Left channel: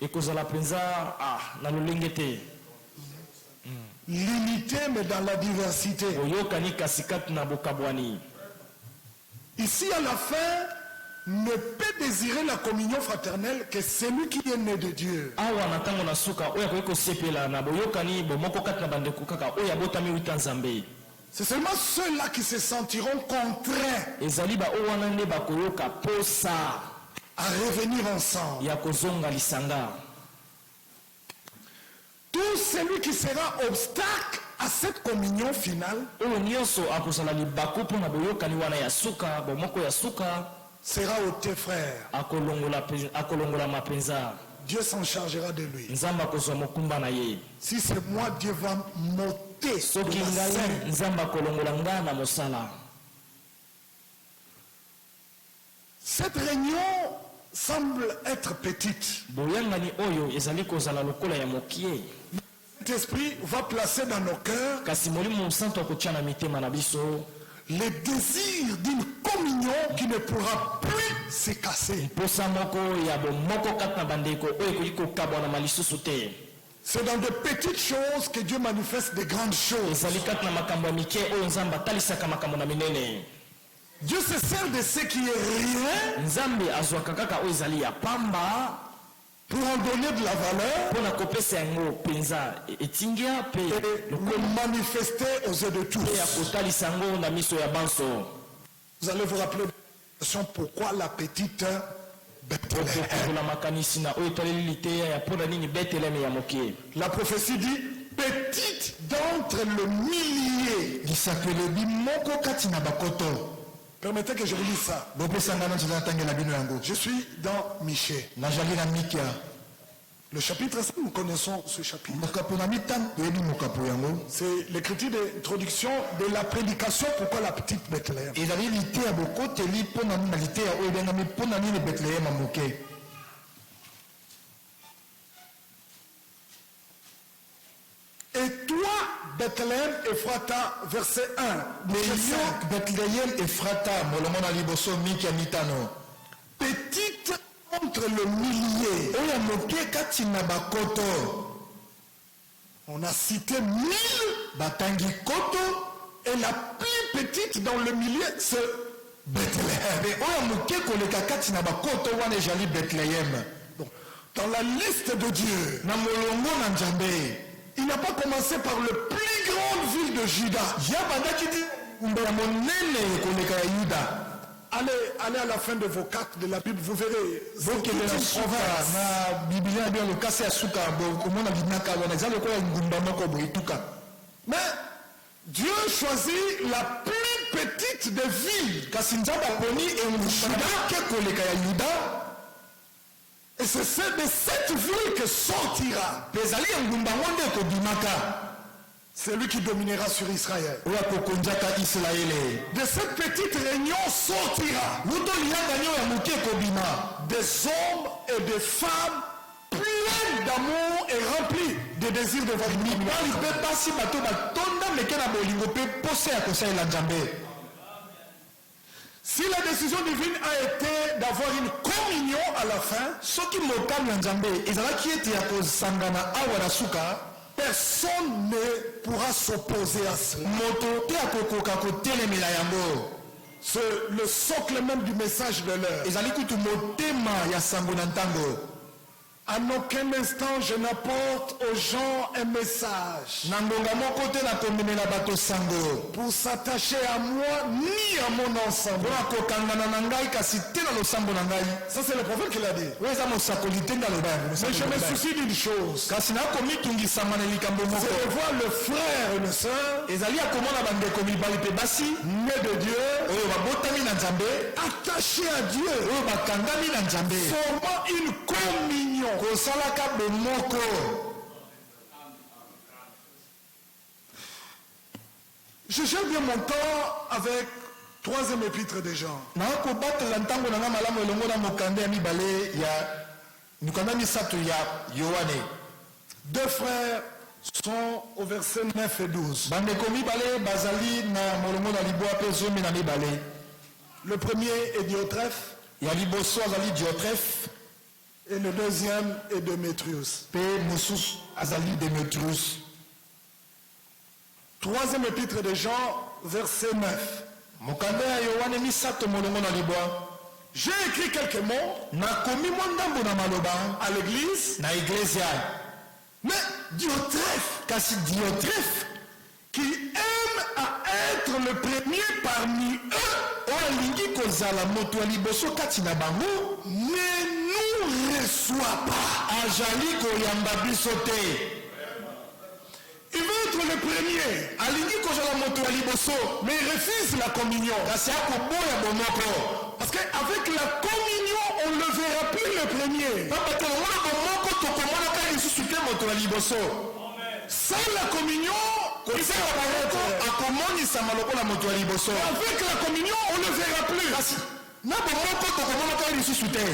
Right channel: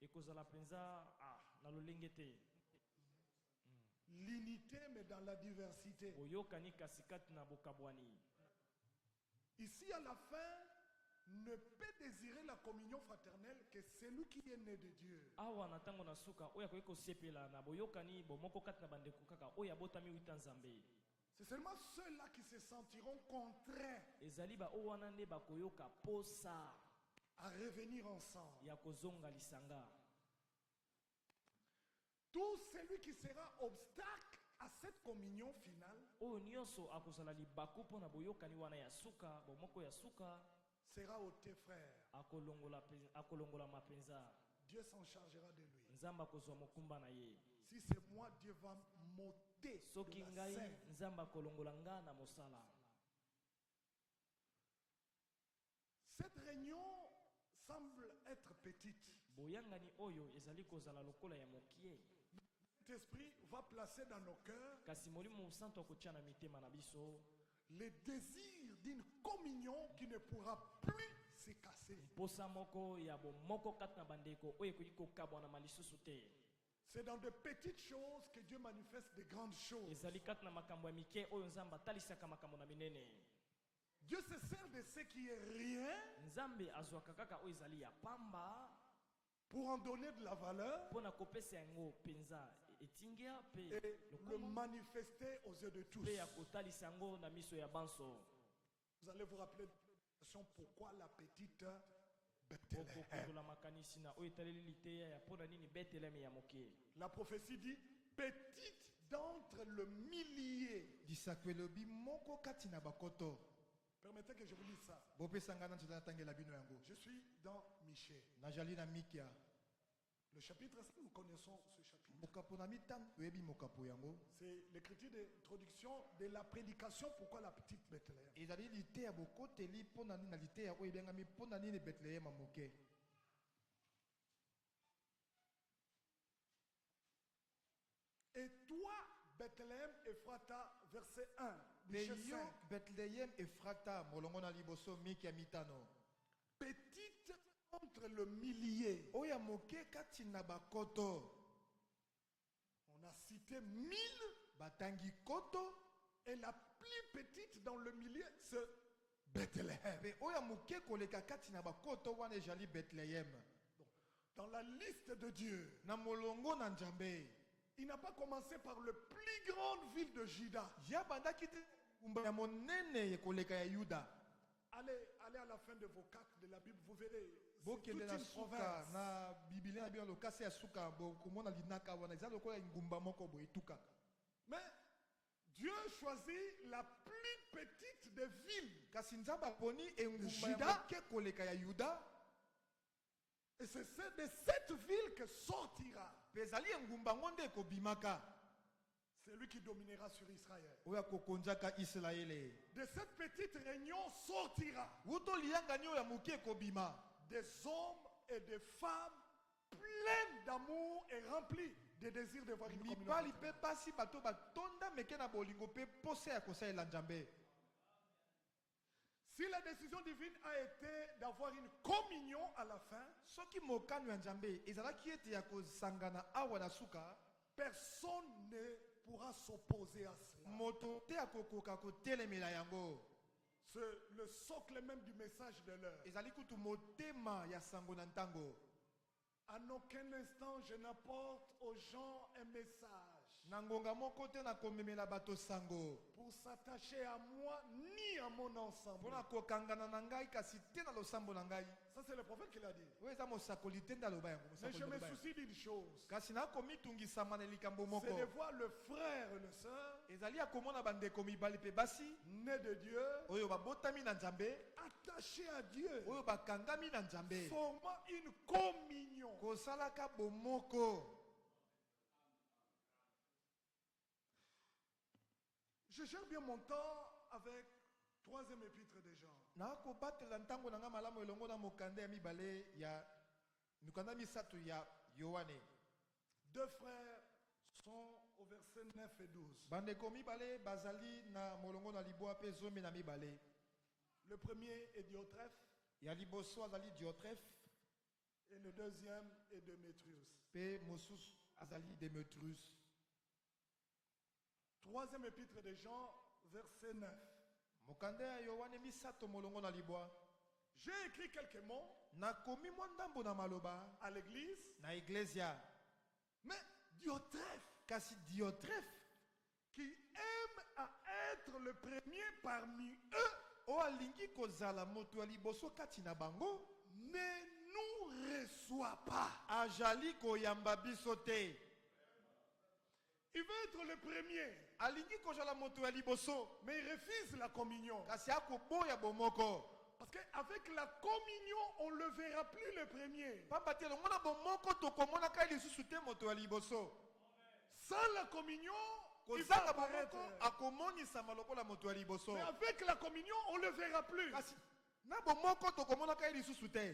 ekozala penza na lolenge te. L'unité mais dans la diversité. Boyokani kasikati na bokabwani. Ici à la fin, ne peut désirer la communion fraternelle que celui qui est né de Dieu. Awa na tango na suka oya koyeko sepela na boyokani bomoko kati na bandeko kaka oya botami wita nzambe. C'est seulement ceux-là qui se sentiront contraints Ezali ba owana nde bakoyoka posa à revenir ensemble. ya kozonga lisanga. Tout celui qui sera obstacle à cette communion finale Oyo nyonso akozala libaku mpo na boyokani wana ya suka bomoko ya suka sera ôté, frère. akolongola mapenza. Dieu s'en chargera de lui. Nzamba kozwa mokumba na ye. Si c'est moi, Dieu va m'ôter de Soki la ngai scène. nzamba kolongola nga na mosala. Cette réunion semble être petite. Boyangani oyo ezali kozala lokola ya mokie. Cet esprit va placer dans nos cœurs Kasi molimo santo akotia na mitema na biso le désir d'une communion qui ne pourra plus se casser. posa moko ya bomoko kati na bandeko oyo ekoki kokabwana malisusu te. C'est dans de petites choses que Dieu manifeste de grandes choses. Ezali kati na makambo ya mike oyo nzambe atalisaka makambo na minene. Dieu se sert de ce qui est rien Nzambe azwaka kaka oyo ezali ya pamba pour en donner de la valeur mpona kopesa yango penza etingia pe et le manifester aux yeux de tous. pe ya kotalisa yango na miso ya banso. Vous allez vous rappeler pourquoi la petite Bethléem. okokola makanisi na oyo etaleli liteya ya mpona nini Beteleme ya mokie. La prophétie dit petite d'entre le millier. Permettez que je vous lise ça. Je suis dans Michée. Le chapitre 5, nous connaissons ce chapitre. C'est l'écriture d'introduction de la prédication pourquoi la petite Bethléem. Et toi, Bethléem Ephrata, verset 1. Bethléem Ephrata, Petite entre le millier. On a cité 1000. Et la plus petite dans le millier, c'est Bethléem. Donc, dans la liste de Dieu, il n'a pas commencé par le plus grande ville de Juda. Allez à la fin de vos cartes de la Bible, vous verrez. Mais Dieu choisit la plus petite des villes. Et c'est de cette ville que sortira celui qui dominera sur Israël. De cette petite réunion sortira des hommes et des femmes pleins d'amour et remplis de désirs de votre communauté. Si la décision divine a été d'avoir une communion à la fin, personne ne pourra s'opposer à cela. C'est le socle même du message de l'heure. À aucun instant je n'apporte aux gens un message pour s'attacher à moi ni à mon ensemble. Ça c'est le prophète qui l'a dit. Mais je me soucie d'une chose, c'est de voir le frère et le soeur nés de Dieu, attachés à Dieu, formant une communion. Je gère bien mon temps avec troisième épître des gens. Deux frères sont au verset 9 et 12. Le premier est Diotrephe. Et le deuxième est Démétrius. Pe mosusu azali Démétrius. Troisième épître de Jean, verset 9. Mokanda ya Yohane misato molongo na libwa. J'ai écrit quelques mots Nakomi mwa ndambo na maloba à l'église, na iglesia. mais Diotrephe, Kasi Diotrephe qui aime à être le premier parmi eux, oyo alingi kozala moto ya liboso kati na bango ne nous reçoit pas. azali koyamba biso te. Il veut être le premier, Alingi kozala moto ya liboso mais il refuse la communion. kasi akoboya bomoko. Parce qu'avec la communion, on ne le verra plus le premier. Papa te omona bomoko tokomonaka lisusu te moto ya liboso. Sans la communion, il Kosala va bango apparaître. akomonisama lokola moto ya liboso. Avec la communion, on ne le verra plus. Kasi na bomoko tokomonaka lisusu te.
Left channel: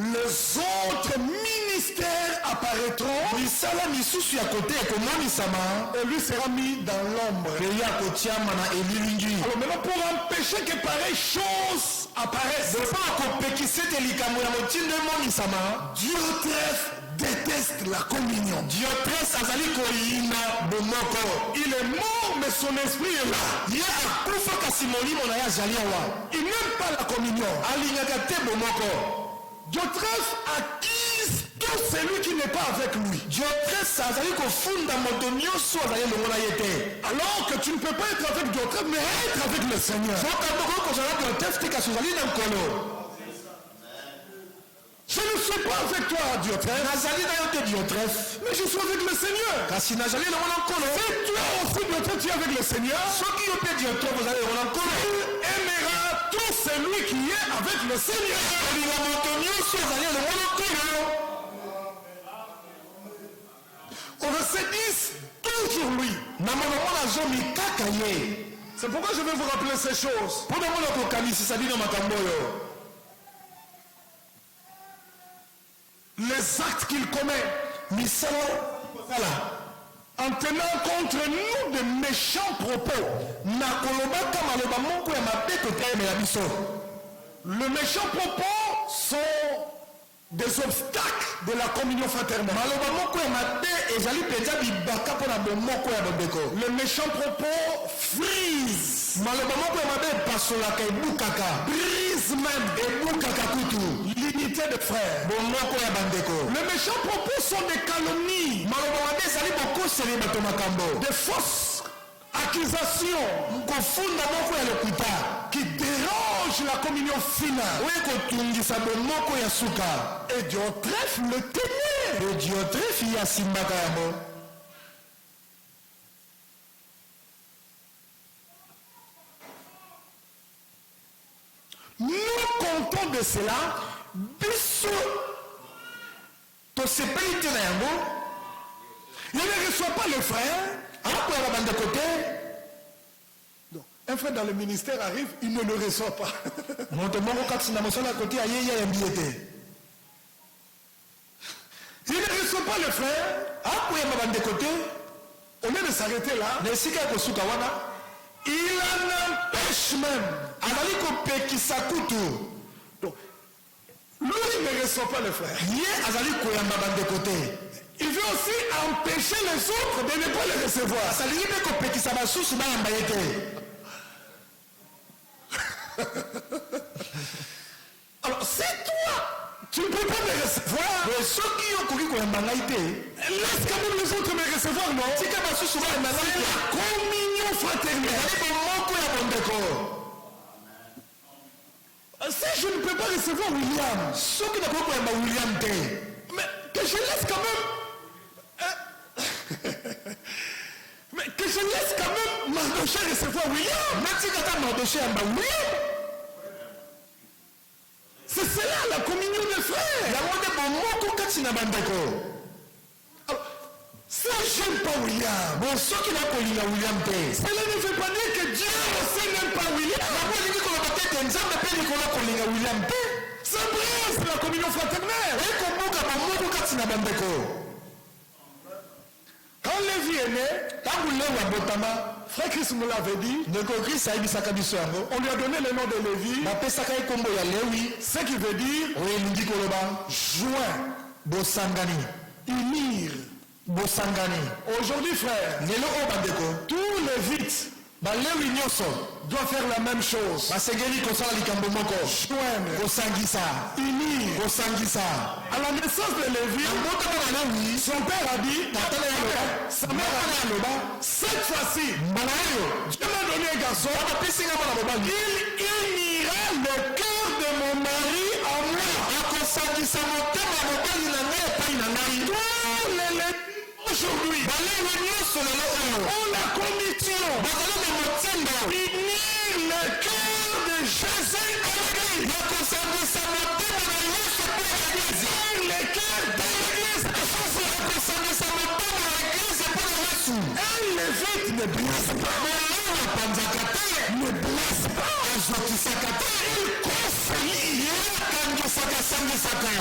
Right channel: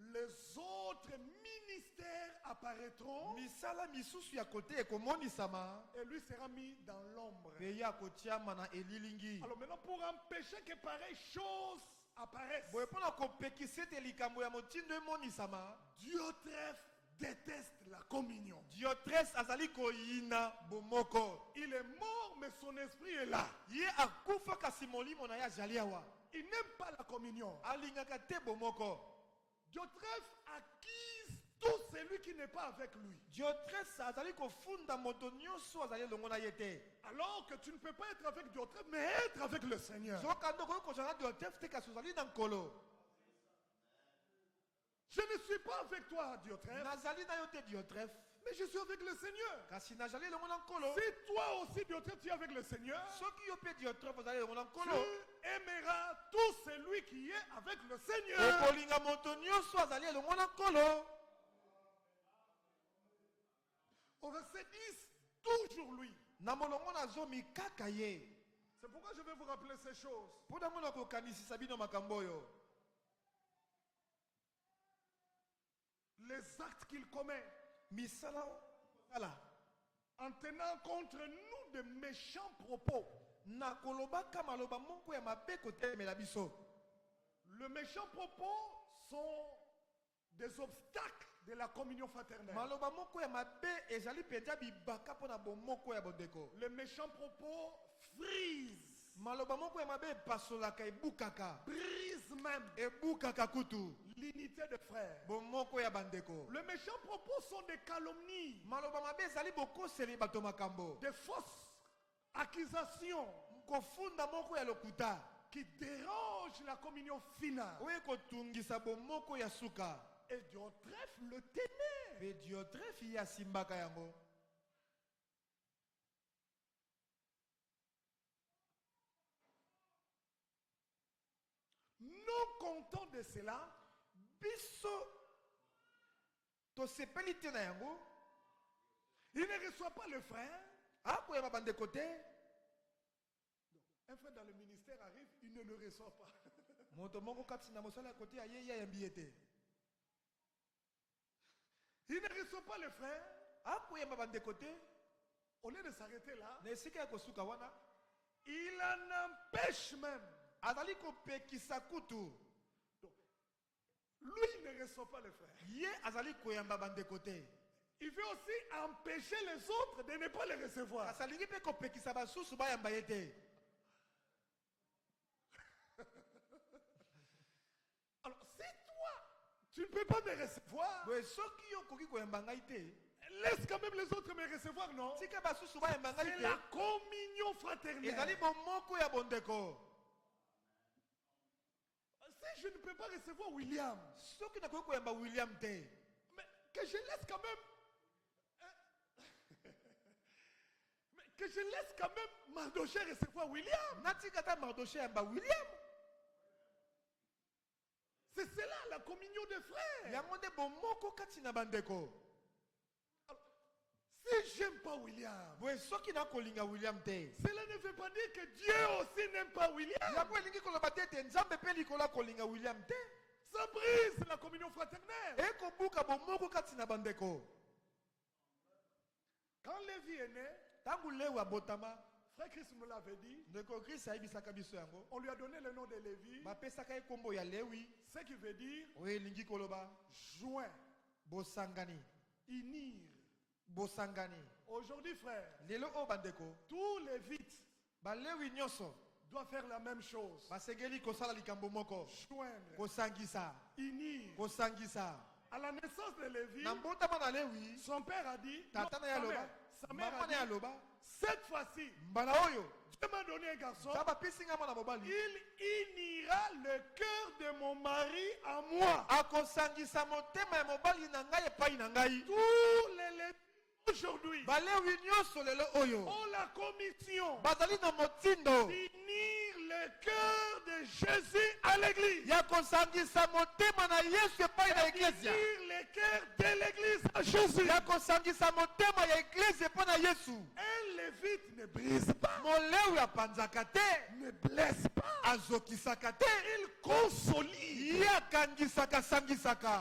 Les autres ministères apparaîtront Misala misusu ya kote ekomonisama et lui sera mis dans l'ombre. pe ya kotiama na elilingi. Alors maintenant, pour empêcher que pareille chose apparaisse, Mpo na kopekisa ete likambo ya motindo emonisama, Diotrephe déteste la communion. Diotrephe azali koyina bomoko. Il est mort, mais son esprit est là. Ye akufa kasi molimo na ye azali awa. Il n'aime pas la communion. Alingaka te bomoko. Diotrephe accuse tout celui qui n'est pas avec lui. Diotrephe azali kofunda moto nyonso azali elongo na ye te. Alors que tu ne peux pas être avec Diotrephe, mais être avec le Seigneur. Soka ndoko kozala Diotrephe te kasi ozali na nkolo. Je ne suis pas avec toi, Diotrephe, Nazali na yo te Diotrephe. mais je suis avec le Seigneur. Kasi nazali elongo na nkolo. Si toi aussi, Diotrephe, tu es avec le Seigneur, Soki yo pe Diotrephe ozali elongo na nkolo. tu aimeras tout celui qui est avec le Seigneur. Olinga moto nyonso azali elongo na nkolo. Au verset 10, toujours lui. Na monoko na zomi kaka ye. C'est pourquoi je vais vous rappeler ces choses. Mpo na mona kokanisisa bino makambo oyo. Les actes qu'il commet Misala kosala en tenant contre nous de méchants propos. na kolobaka maloba moko ya mabe totelemela biso. Les méchants propos sont des obstacles de la communion fraternelle. Maloba moko ya mabe ezali mpenza bibaka mpo na bomoko ya bondeko. Les méchants propos frisent, Maloba moko ya mabe epasolaka ebukaka. brisent même Ebukaka kutu l'unité des frères. bomoko ya bandeko. Les méchants propos sont des calomnies, Maloba mabe ezali bokoseli bato makambo. des fausses accusations Kofunda moko ya lokuta qui dérangent la communion finale. oyo ekotungisa bomoko ya suka. Et Diotrephe le tenait. Pe Diotrephe ye asimbaka yango. Nous comptons de cela, Biso tosepeli te na yango. il ne reçoit pas le frère. Akoyaka bandeko te. Donc, un frère dans le ministère arrive, il ne le reçoit pas. Moto moko kati na mosala ya kote aye ye ayambi ye te. Il ne reçoit pas le frère. Akoyamba bandeko te. Au lieu de s'arrêter là, Na esika ya kosuka wana il en empêche même. azali kopekisa kutu. Donc, lui ne reçoit pas le frère. Ye azali koyamba bandeko te. Il veut aussi empêcher les autres de ne pas le recevoir. alingi mpe kopekisa basusu bayamba ye te. Alors, si toi, tu ne peux pas me recevoir, Boye soki yo okoki koyamba ngai te, laisse quand même les autres me recevoir, non? tika basusu bayamba ngai C'est te. la communion fraternelle. Ezali bomoko ya bondeko. Si je ne peux pas recevoir William, Soki nakoki koyamba William te, mais que je laisse quand même. Mais que je laisse quand même Mardoché recevoir William. natika ta Mardoche yamba William. C'est cela la communion des frères. Yango nde bomoko kati na bandeko. Alors, si j'aime pas William, Boye soki nakolinga William te, cela ne veut pas dire que Dieu aussi n'aime pas William. yango elingi koloba te ete nzambe mpe likolo kolinga William te. Ça brise la communion fraternelle. Ekobuka bomoko kati na bandeko. Quand Lévi est né, Ntango Lewi abotama, frère Christ nous l'avait dit, ndeko Kristo ayebisaka biso yango. on lui a donné le nom de Lévi, Bapesaka ye kombo ya Lewi, ce qui veut dire oyo elingi koloba joint bosangani, unir. bosangani. Aujourd'hui, frère, Lelo o bandeko, tous les vites balewi nyonso, doivent faire la même chose. basengeli kosala likambo moko, Joindre, kosangisa, unir. kosangisa. À la naissance de Lévi, Mboka mona lewi, son père a dit, tatana ya loba, sa mère a dit, loba, cette fois-ci, mbala oyo, Dieu m'a donné un garçon, wana pisinga mona mobali. il unira le cœur de mon mari à moi. Akosangisa motema ya mobali na ngai epai na ngai. Tous les Lévites aujourd'hui Balewi nyonso lelo oyo, ont la commission bazali na motindo d'unir le cœur de Jésus à l'église. ya kosangisa motema na Yesu mpo ya eglize. Unir le cœur de l'église à Jésus. Ya kosangisa motema ya eglize mpo na Yesu. Un Lévite ne blesse pas. Molawi apanzaka te, Ne blesse pas. azokisaka te, Il conseille. ye akangisaka sangisaka.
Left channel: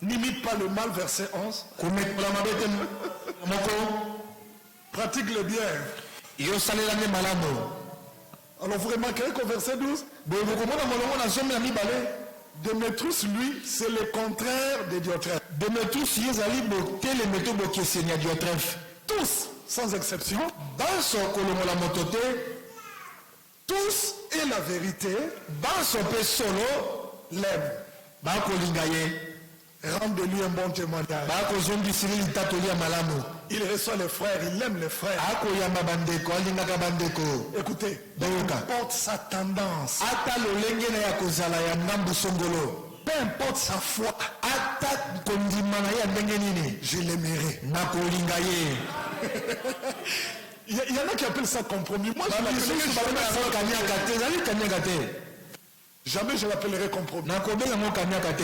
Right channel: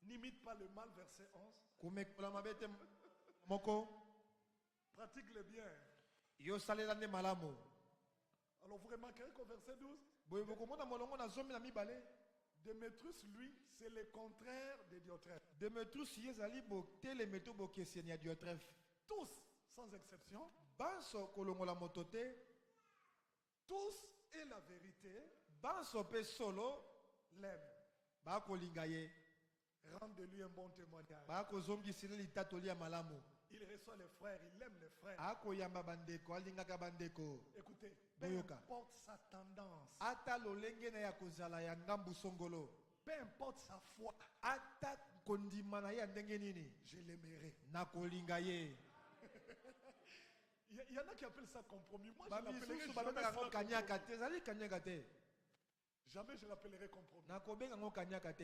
N'imite pas le mal, verset 11. Komekola mabe te moko, Pratique le bien. yosalela nde malamu. Alors vous remarquerez qu'au verset 12, Boye bokomona molongo na zomi na mibale, Démétrius, lui, c'est le contraire de Diotrephe. Demetrius ye ezali botelemi to bokeseni ya Diotrefe. Tous, sans exception, Banso kolongola moto te, tous et la vérité banso mpe solo l'aiment. bakolinga ye, Rendez-lui un bon témoignage. bakozongisili litatoli ya malamu. Il reçoit les frères, il aime les frères. Akoyamba bandeko, alingaka bandeko. Écoutez, peu Boyoka. importe sa tendance, Ata lolenge na ya kozala ya ngambu songolo, peu importe sa foi, ata kondima na ye ya ndenge nini, je l'aimerai. nakolinga ye. Il y en a qui appellent ça compromis. Moi, je Bamisusu l'appellerai balobela yango kaniaka te, ezali kaniaka te. jamais je l'appellerai compromis. Nakobenga yango kaniaka te.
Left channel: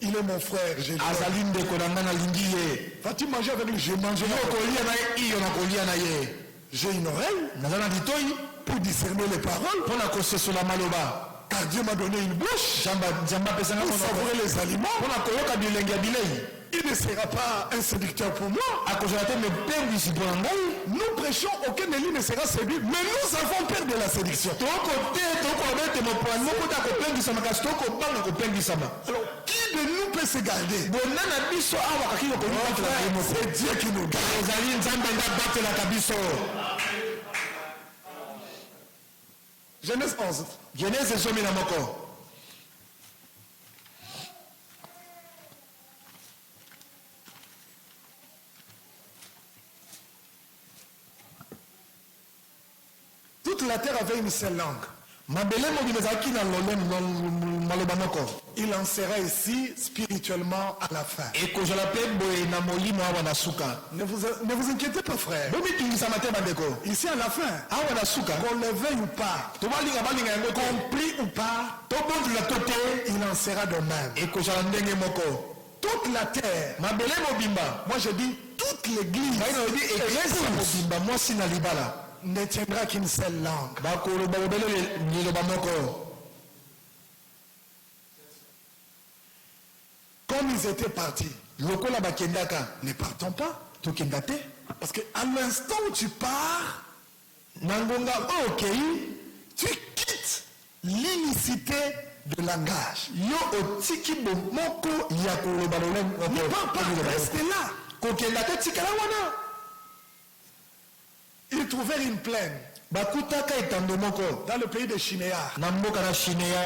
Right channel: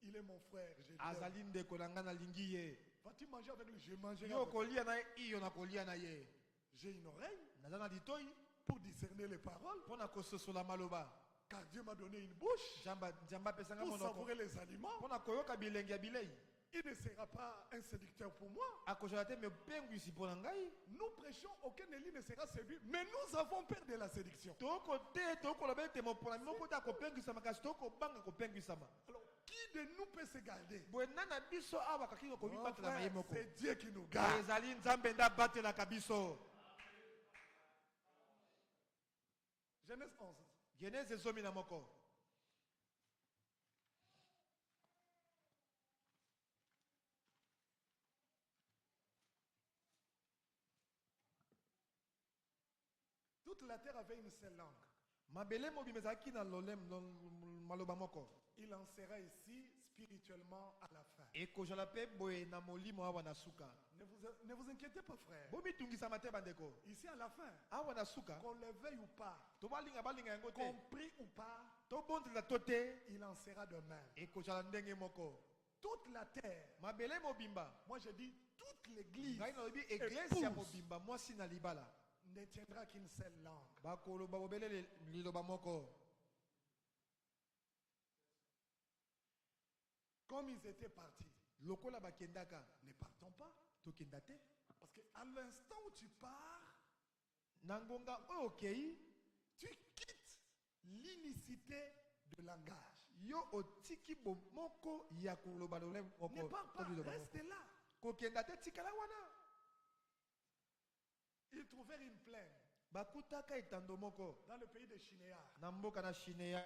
Il est mon frère, je l'aime. Azali ndeko na nga nalingi ye. Vas-tu manger avec lui? Je mangerai Yo avec lui. kolia na ye, iyo nakolia na ye. J'ai une oreille Naza na litoi pour discerner les paroles, mpo na kosesola maloba. car Dieu m'a donné une bouche Nzambe apesanga pour monoko savourer les aliments. mpo na koyoka bilenge ya bilei. Il ne sera pas un séducteur pour moi. Akozala te mepengwisi mpo na ngai. Nous prêchons, aucun élu ne sera séduit, mais nous avons peur de la séduction. Toko te tokoloba ete mopwani moko te akopengisama kasi tokobanga kopengisama. Alors, qui de nous peut se garder? Bona na biso awa kaki kokomibatela ye moko. C'est Dieu qui nous garde. Ezali Nzambe nde abatelaka biso. Genèse 11. Genese zomi na moko. Toute la terre avait une seule langue. Mabele mobimba ezalaki na lolemo maloba moko. Il en sera ici spirituellement à la fin. Ekozala mpe boye na molimo awa na suka. Ne vous inquiétez pas, frère. Bomitungisama te bandeko. Ici à la fin, Awa na suka. qu'on le veuille ou pas, Balinga yango te. compris ou pas, Tobondela to te. il en sera de même. Ekozala ndenge moko. Toute la terre, Mabele mobimba. moi je dis toute l'église, Ngai na lobi eglise ya mobimba mwasi na libala. ne tiendra qu'une seule langue. Bakoloba bobele liloba moko. Comme ils étaient partis, Lokola bakendaka. ne partons pas. Tokenda te. Parce qu'à l'instant où tu pars, Na ngonga oyo okei, tu quittes l'unicité de langage. yo otiki bomoko ya koloba lolemo. Ne pars pas, reste là. Kokenda te tikala wana. Ils trouvèrent une plaine Bakutaka etando moko. dans le pays de Shinéar. Na mboka na Shinéa.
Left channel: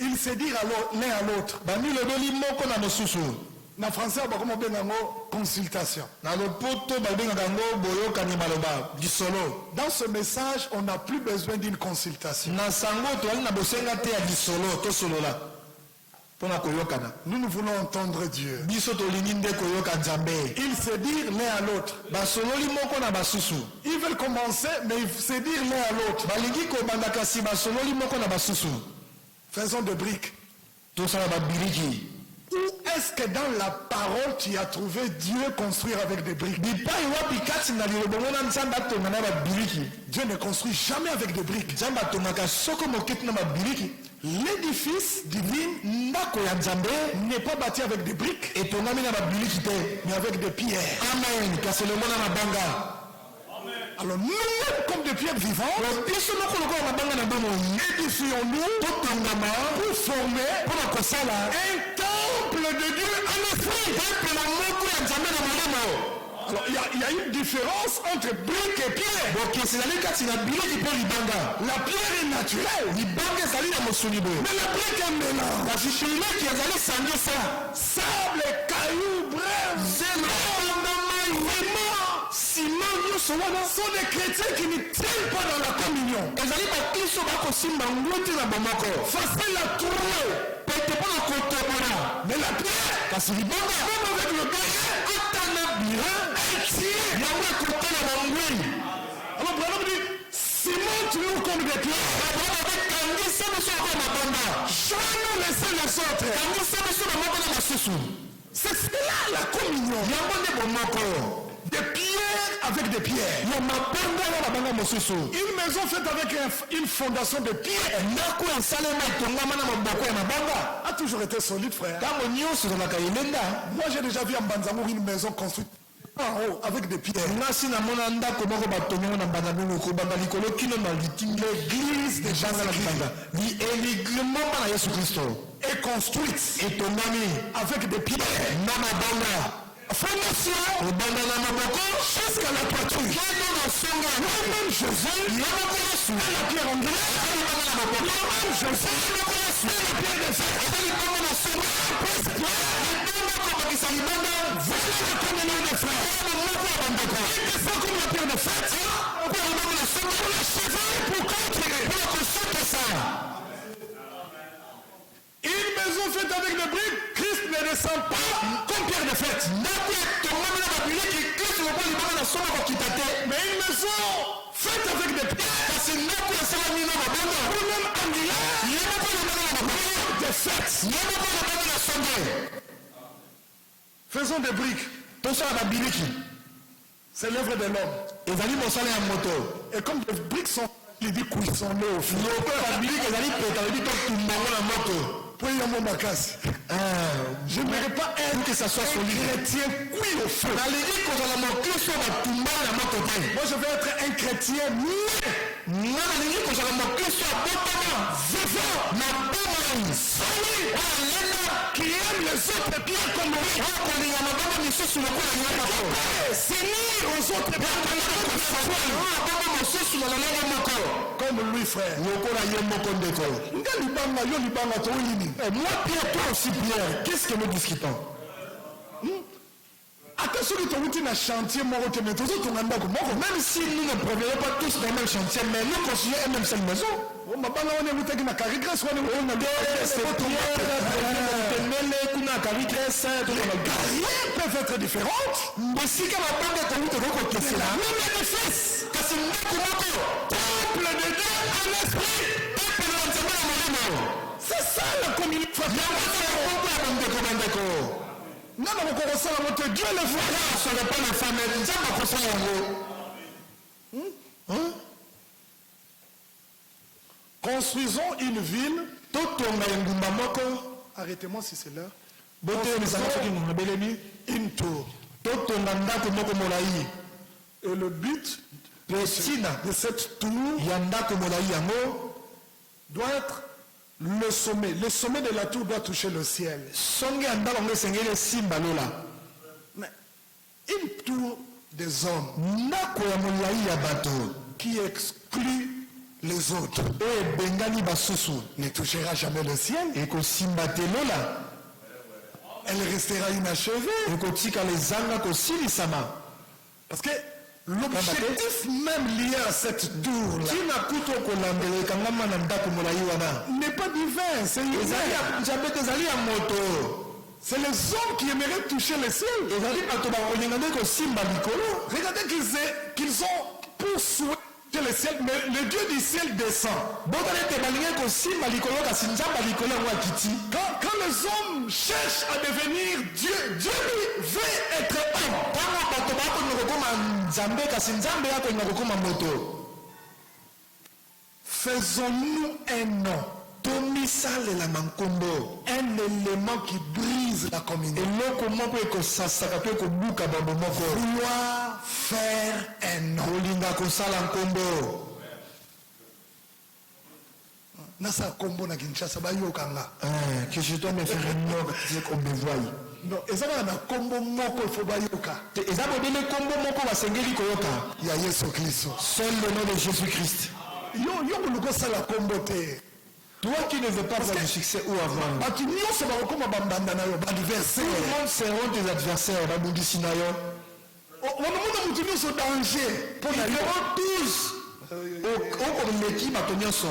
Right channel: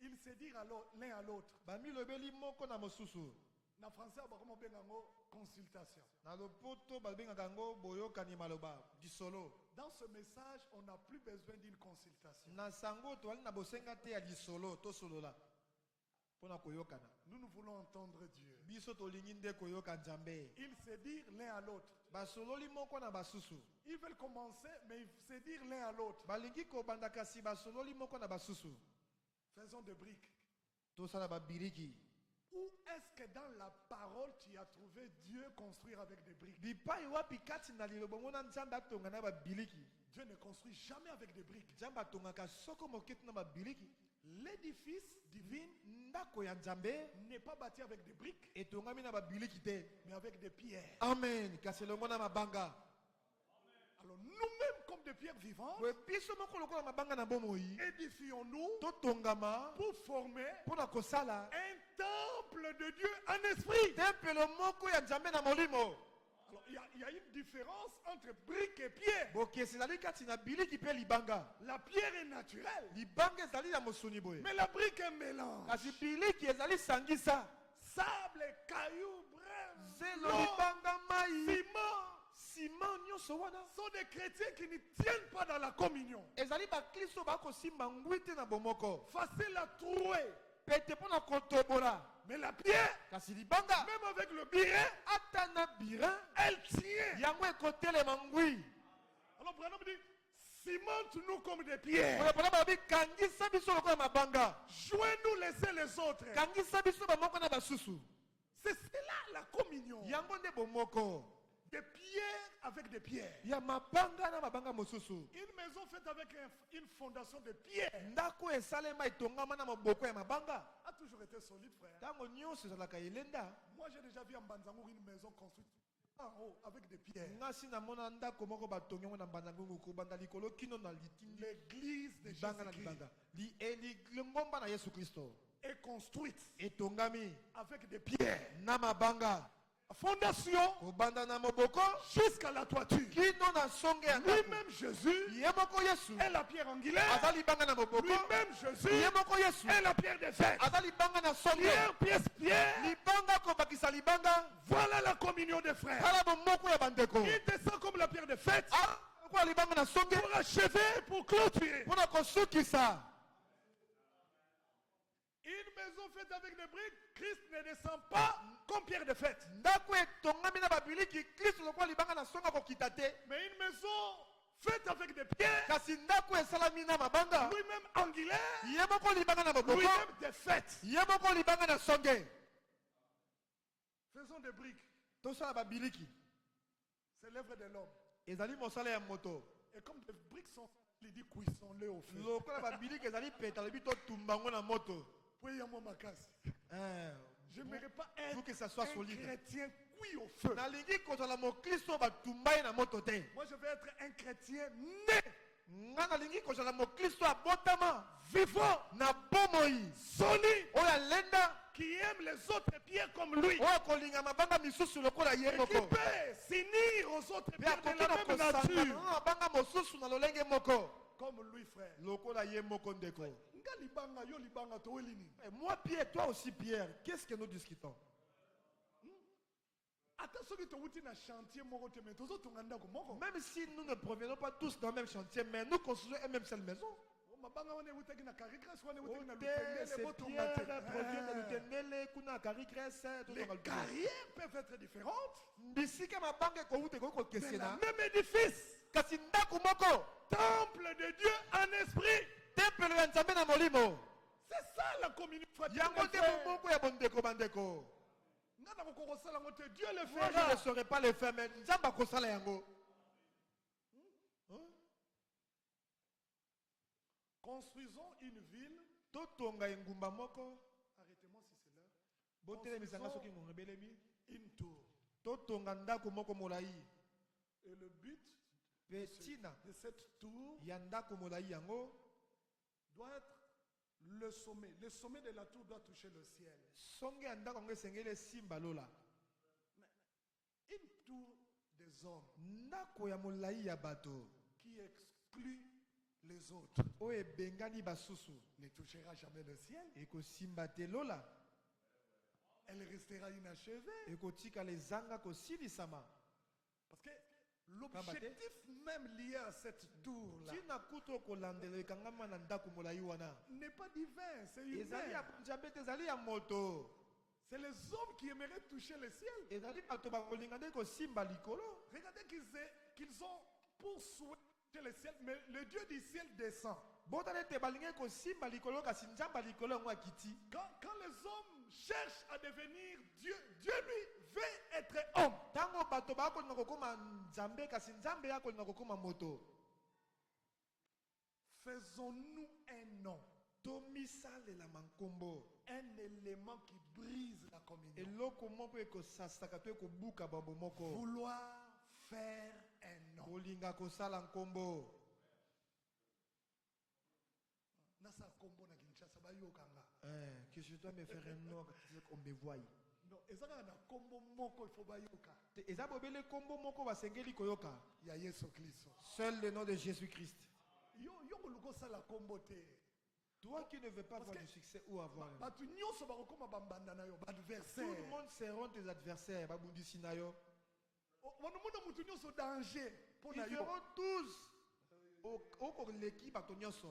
Ils se dirent l'un à l'autre. Bamilobeli moko na mosusu. Na français, on va dire consultation. Na lopoto babengaka yango boyokani maloba disolo. Dans ce message, on n'a plus besoin d'une consultation. Na sango toali na bosenga te ya disolo tosolola. Pona koyokana. Nous, nous voulons entendre Dieu. Biso tolingi nde koyoka Nzambe. Ils se dirent l'un à l'autre. Basololi moko na basusu. Ils veulent commencer, mais ils se dirent l'un à l'autre. Balingi kobanda kasi basololi moko na basusu. Faisons de briques. Tosala babiriki. Où est-ce que dans la parole tu as trouvé Dieu construire avec des briques? Bipai wapi kati na lilobongo na Nzambe atonga na babiriki. Dieu ne construit jamais avec des briques. Nzambe atongaka soko moketi na babiriki. L'édifice divin Ndako ya Nzambe n'est pas bâti avec des briques, etongami na babiriki te. mais avec des pierres. Amen. Kasi elongo na mabanga. Alors nous-mêmes, comme des pierres vivantes, édifions-nous pour former un temple de Dieu en esprit. Alors il y a une différence entre brique et pierre. La pierre est naturelle, mais la brique est mélange. Sable, cailloux, bref, ciment, sont des chrétiens qui ne tiennent pas dans la communion. Facile à trouver. Mais la pierre, même avec le birin, elle tient. Alors Branham dit, cimente-nous comme des pierres. Joignons les uns les autres. C'est cela la communion. Des pierres avec des pierres. Une maison faite avec une fondation de pierre a toujours été solide, frère. Moi j'ai déjà vu à Mbanzamour une maison construite en haut avec des pierres. L'église des gens est construite avec des pierres. Fondation jusqu'à la toiture. Même Jésus est la pierre angulaire. Même Jésus est la pierre de fer. Voilà la communion des frères. C'est comme la pierre de fer. Pour l'achever, pour clôturer. Une maison faite avec des briques, Christ ne descend pas comme pierre de fête. Mais une maison faite avec des pierres, ou même angulaire, des fêtes. Faisons des briques. C'est l'œuvre de l'homme. Et comme les briques sont, il dit cuissons-les au feu. Je n'aimerais pas être que ça soit solide. Chrétien cuit au feu. Moi je veux être un chrétien vivant, solide, qui aime les autres bien comme lui, s'unir aux autres bien comme lui, frère. Moi, Pierre, toi aussi, Pierre, qu'est-ce que nous discutons? Attention, que tu as un chantier, même si nous ne provenons pas tous dans le même chantier, mais nous construisons une même seule maison. Carrières peuvent être différentes. Mais si c'est la même édifice, temple de Dieu en esprit. C'est ça la communication. Non, Dieu le voit. Ne serait pas le fameux. Construisons une ville. Arrêtez-moi si c'est l'heure. Une tour. Et le but de cette tour doit être le sommet. Le sommet de la tour doit toucher le ciel. Mais une tour des hommes qui exclut les autres ne touchera jamais le ciel. Elle restera inachevée. Parce que l'objectif même lié à cette tour n'est pas divin, c'est humain. C'est les hommes qui aimeraient toucher le ciel. Regardez qu'ils ont pour souhait le ciel, mais le Dieu du ciel descend. Quand les hommes cherchent à devenir Dieu, Dieu lui veut être homme. Faisons-nous un nom. Un élément qui brise la communion. Vouloir faire un nom. kolinga kosala nkombo. Nasa kombo na Kinshasa bayokanga. Que je dois me faire un nom qu'on me voie. Non, ezala na kombo moko il faut bayoka. Eza bodele kombo moko basengeli koyoka. Ya Yesu Kristo. Seul le nom de Jésus-Christ. Yo luko sala kombo te. Toi qui ne veux pas avoir du succès ou avoir. Batu nyonso bakoma bambanda na yo ba adversaire. Tout le monde seront tes adversaires. Babundisi na yo. Wanamuda mutu nyonso danger. Ils seront tous au meki bato nyonso.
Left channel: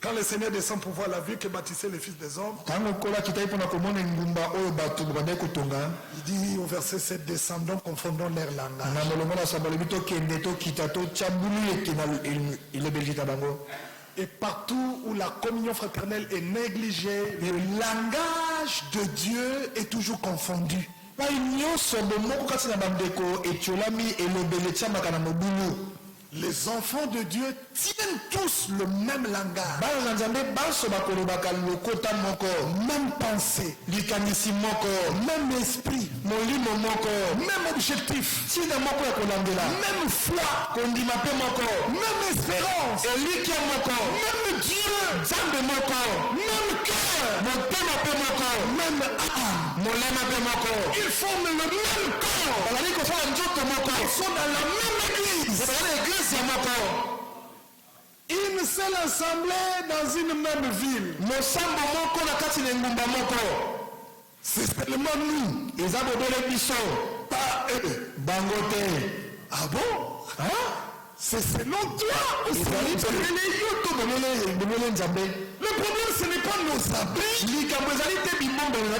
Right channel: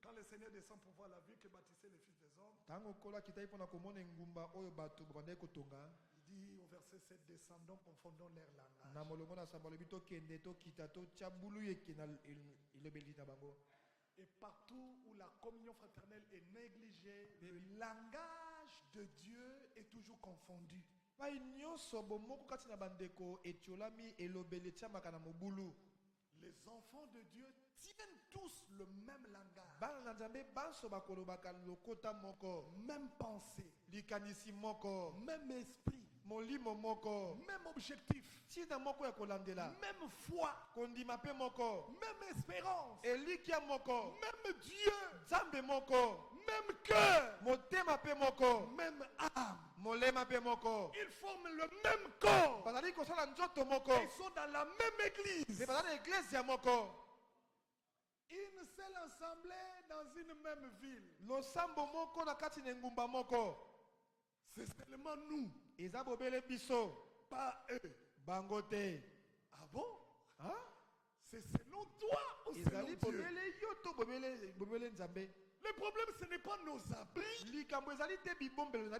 Quand le Seigneur descend pour voir la vie que bâtissait les fils des hommes, il dit au verset 7, descendons, confondons leur langage. Et partout où la communion fraternelle est négligée, le langage de Dieu est toujours confondu. Les enfants de Dieu tiennent tous le même langage, même pensée, même esprit, même objectif, même foi, même espérance, même Dieu, même cœur, même âme. Ils forment le même corps. Ils sont dans la même église. Une seule assemblée dans une même ville. C'est seulement nous. Pas eux. Ah bon? C'est selon toi ou c'est le problème, ce n'est pas nos habits. Mais le problème,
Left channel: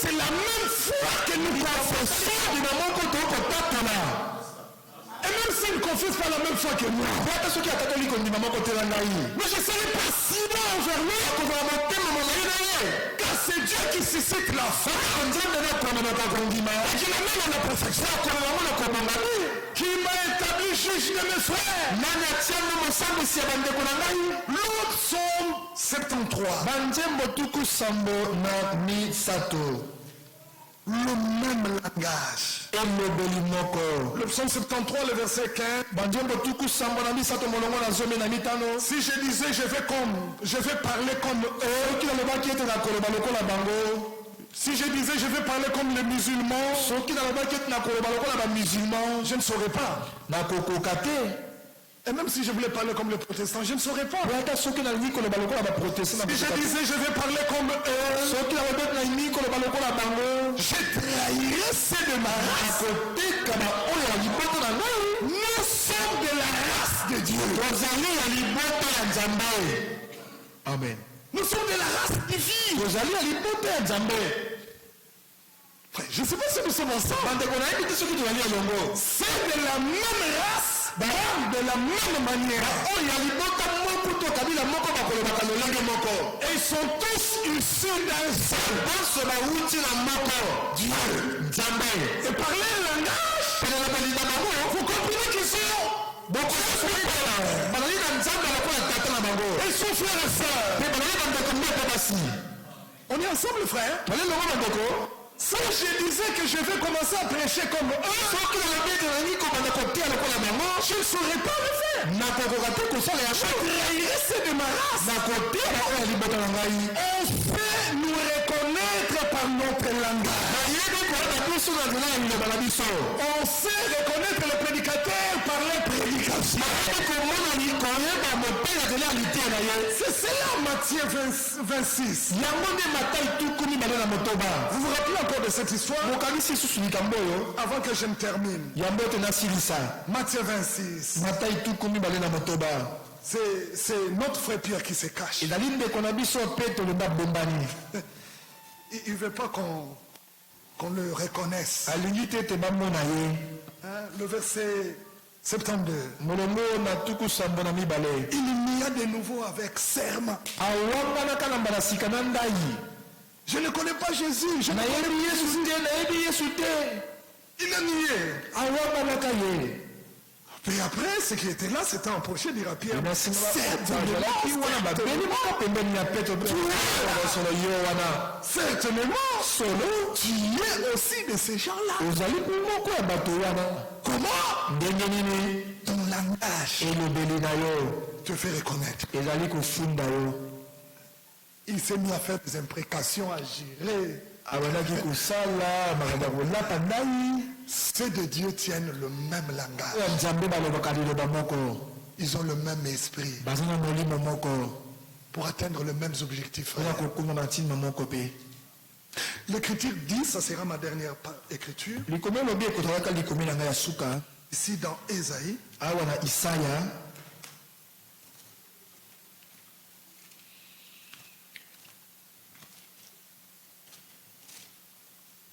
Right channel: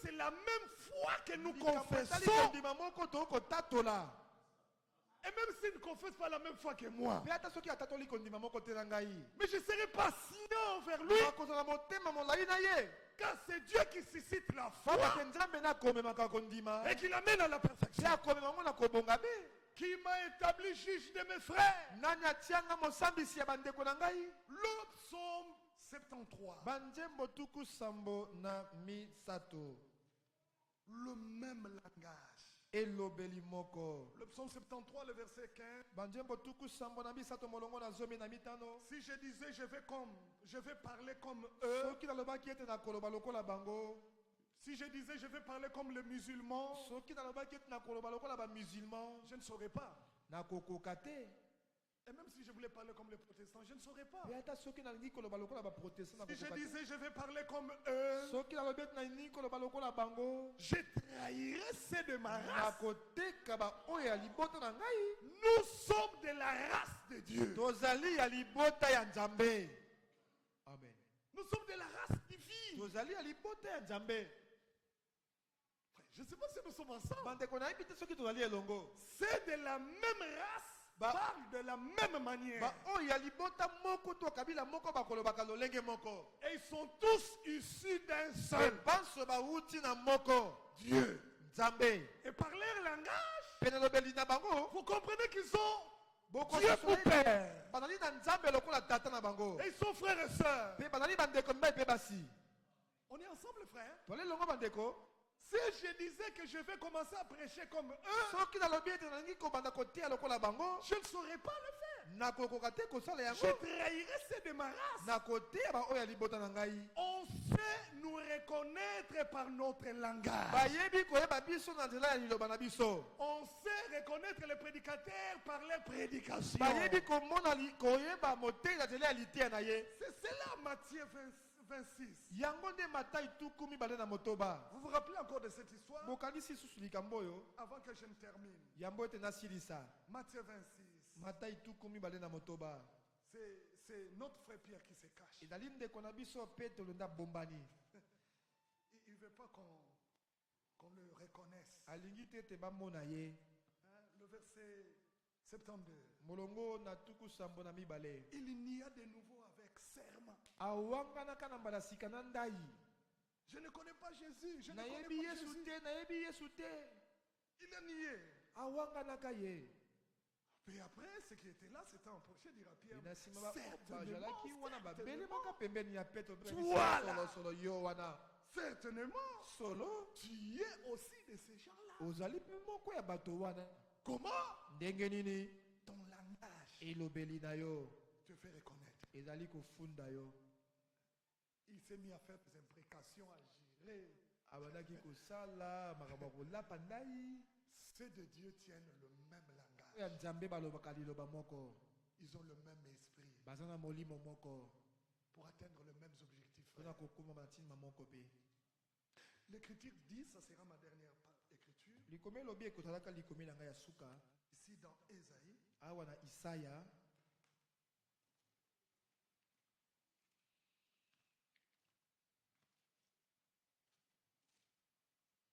c'est la même foi que nous confessons. Et même s'ils ne confessent pas la même foi que moi, mais je ne serai pas si bon envers lui, car c'est Dieu qui suscite la foi et qui l'amène à la perfection, qui m'a établi juge de mes frères. L'autre psaume 73. Le même langage. Le psaume 73, le verset 15. Si je disais je vais parler comme eux, si je disais je vais parler comme les musulmans, je ne saurais pas. Et même si je voulais parler comme les protestants, je ne saurais pas. Si je disais je vais parler comme eux, je trahirais ceux de ma race. Nous sommes de la race de Dieu. Amen. Nous sommes de la race divine. Je ne sais pas si nous sommes ensemble. C'est de la même race. De la même manière. Et ils sont tous issus d'un seul. Dieu. Et par leur langage, vous comprenez qu'ils sont ils sont frères et sœurs. On est ensemble, frère. Si je disais que je vais commencer à prêcher comme eux, je ne saurais pas le faire. Je trahirais ceux de ma race. On sait nous reconnaître par notre langage. On sait reconnaître les prédicateurs par les prédications. C'est cela Matthieu 26. Vous vous rappelez encore de cette histoire? Avant que je ne termine. Matthieu 26. C'est notre frère Pierre qui se cache. Il ne veut pas qu'on le reconnaisse. Le verset 72. Il n'y a de nouveau avec serment. Je ne connais pas Jésus. Je ne connais pas Jésus. Il a nié. Et après, ce qui était là, c'était approché de Pierre. Certainement, solo, tu es aussi de ces gens-là. Comment? Ton langage te fait reconnaître. Il s'est mis à faire des imprécations, à gérer. Ceux de Dieu tiennent le même langage. Ils ont le même esprit pour atteindre les mêmes objectifs. L'écriture dit, ça sera ma dernière écriture, ici dans Ésaïe,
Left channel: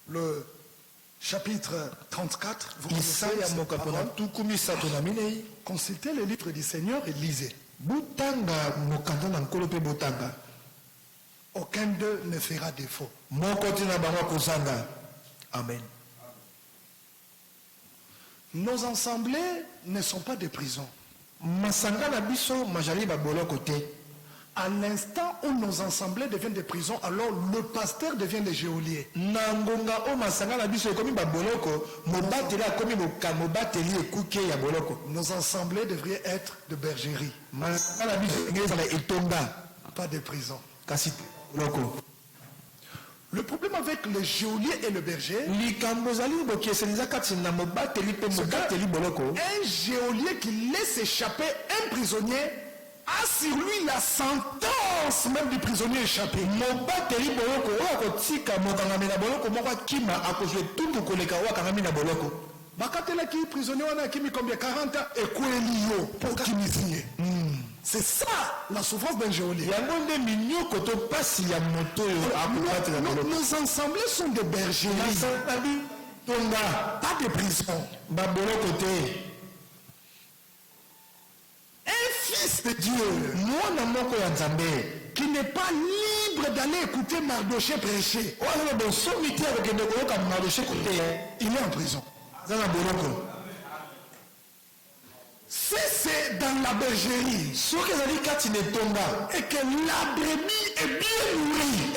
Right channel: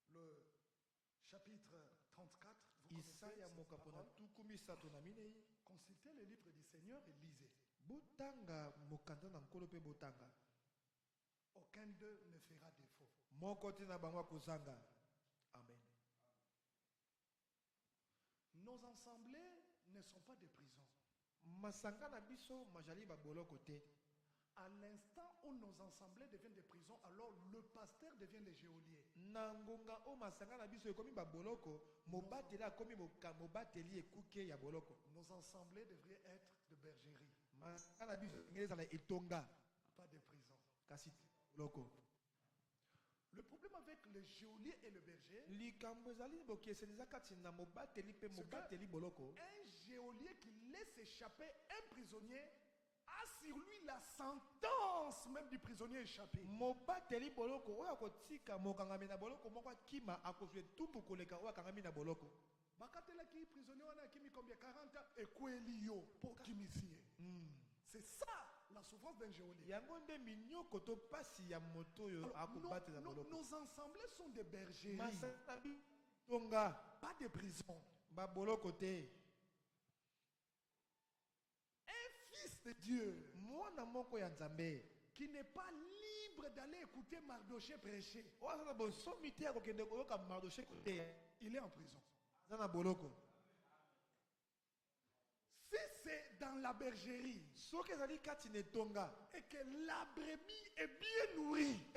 le chapitre 34, vous connaissez cette parole. Consultez le livre du Seigneur et lisez. Aucun d'eux ne fera défaut. Amen. Nos assemblées ne sont pas des prisons. À l'instant où nos assemblées deviennent des prisons, alors le pasteur devient le geôlier. Nos assemblées devraient être de bergerie, pas de prison. Le problème avec le geôlier et le berger, un geôlier qui laisse échapper un prisonnier a sur lui la sentence même du prisonnier échappé. Prisonnier combien 40 ans et pour c'est ça la souffrance d'un geôlier. Nos assemblées sont des bergeries, pas des prisons. Un fils de Dieu qui n'est pas libre d'aller écouter Mardoché prêcher, il est en prison. Si c'est dans la bergerie et que la brebis est bien nourrie,